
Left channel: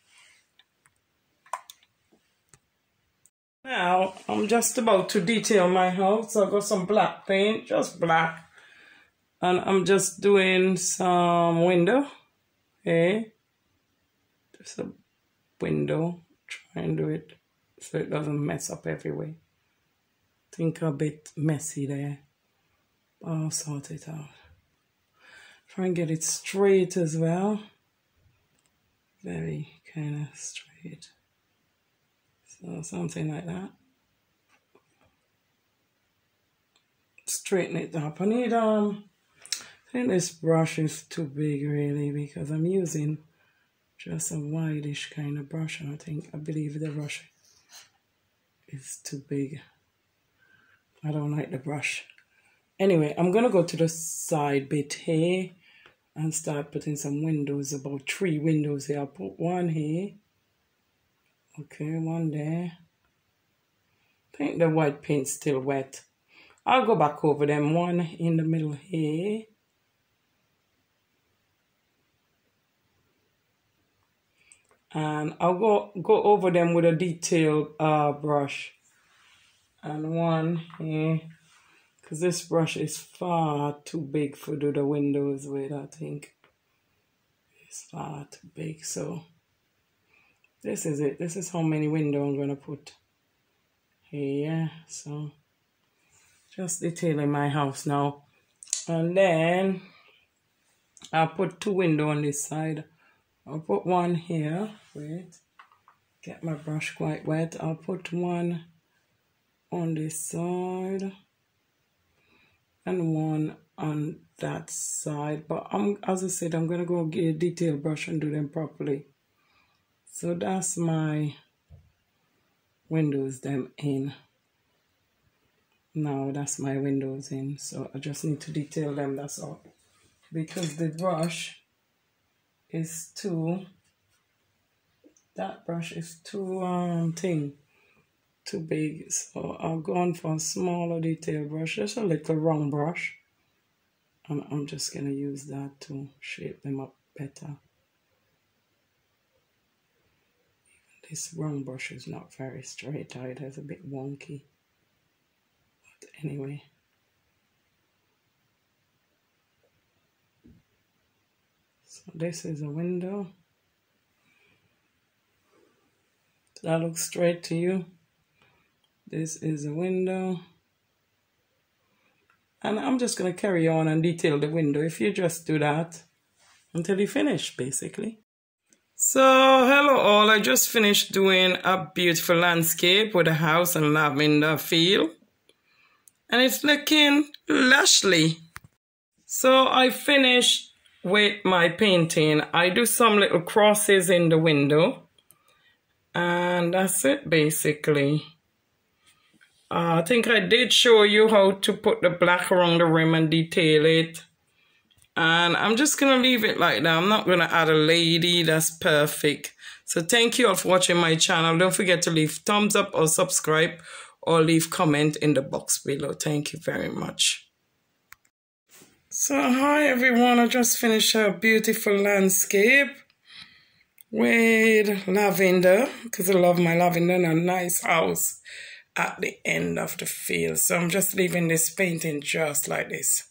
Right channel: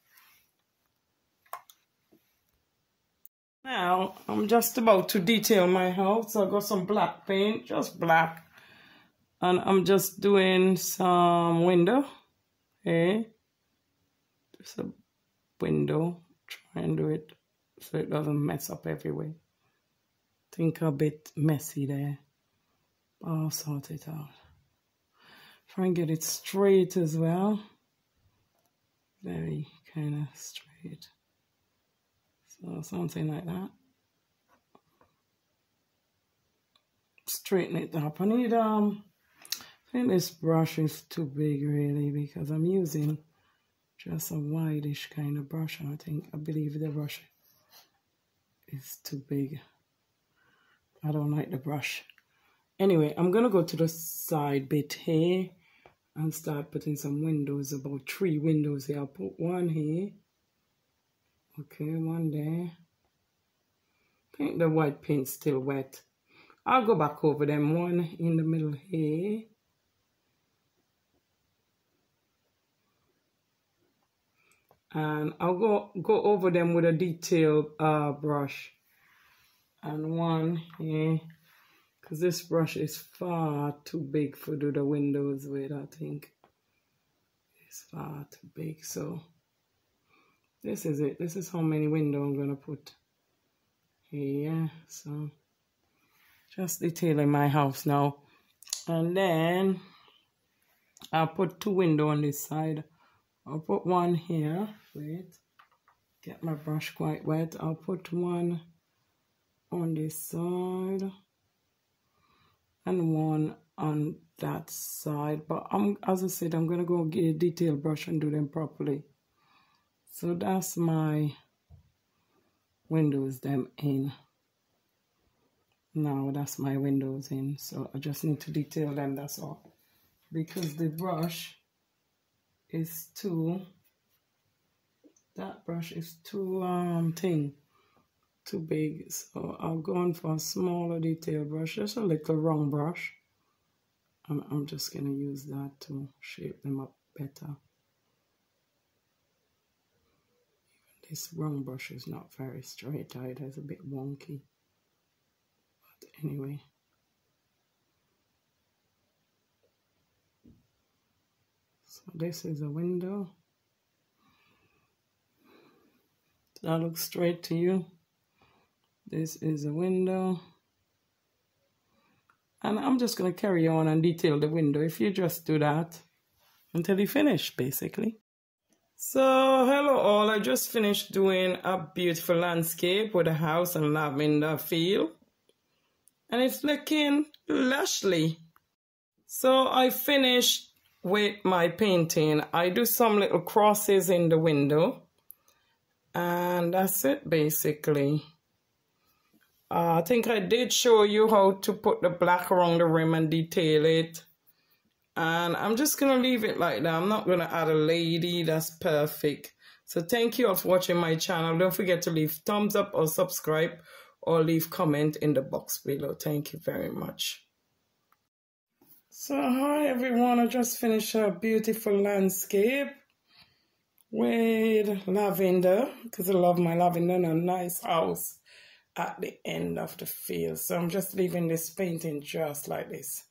Now, I'm just about to detail my house. So I've got some black paint, just black. And I'm just doing some window. Okay. Just a window, try and do it so it doesn't mess up everywhere. Think a bit messy there, but I'll sort it out. Try and get it straight as well, very kind of straight, so something like that. Straighten it up. I think this brush is too big really because I'm using just a wideish kind of brush, and I believe the brush is too big. I don't like the brush. Anyway, I'm gonna go to the side bit here and start putting some windows, about 3 windows here. I'll put one here. Okay, one there. I think the white paint's still wet. I'll go back over them, one in the middle here. And I'll go over them with a detailed brush. And one here, because this brush is far too big for do the windows with, I think. It's far too big, so this is it. This is how many windows I'm going to put here. So just detailing my house now. And then I'll put 2 windows on this side. I'll put one here. Wait, get my brush quite wet. I'll put one on this side and one on that side. But as I said, I'm gonna go get a detailed brush and do them properly. So that's my windows them in. Now that's my windows in. So I just need to detail them, that's all. Because the brush is that brush is too big, so I'll go on for a smaller detail brush, just a little round brush, and I'm just gonna use that to shape them up better. Even this round brush is not very straight either, it's a bit wonky, but anyway. So this is a window. that looks straight to you. This is a window. And I'm just going to carry on and detail the window if you just do that until you finish, basically. So, hello all. I just finished doing a beautiful landscape with a house and lavender feel. And it's looking lushly. So, I finished with my painting. I do some little crosses in the window. And that's it, basically. I think I did show you how to put the black around the rim and detail it. And I'm just going to leave it like that. I'm not going to add a lady. That's perfect. So thank you all for watching my channel. Don't forget to leave thumbs up or subscribe or leave comment in the box below. Thank you very much. So hi everyone. I just finished a beautiful landscape with lavender because I love my lavender and a nice house at the end of the field. So I'm just leaving this painting just like this.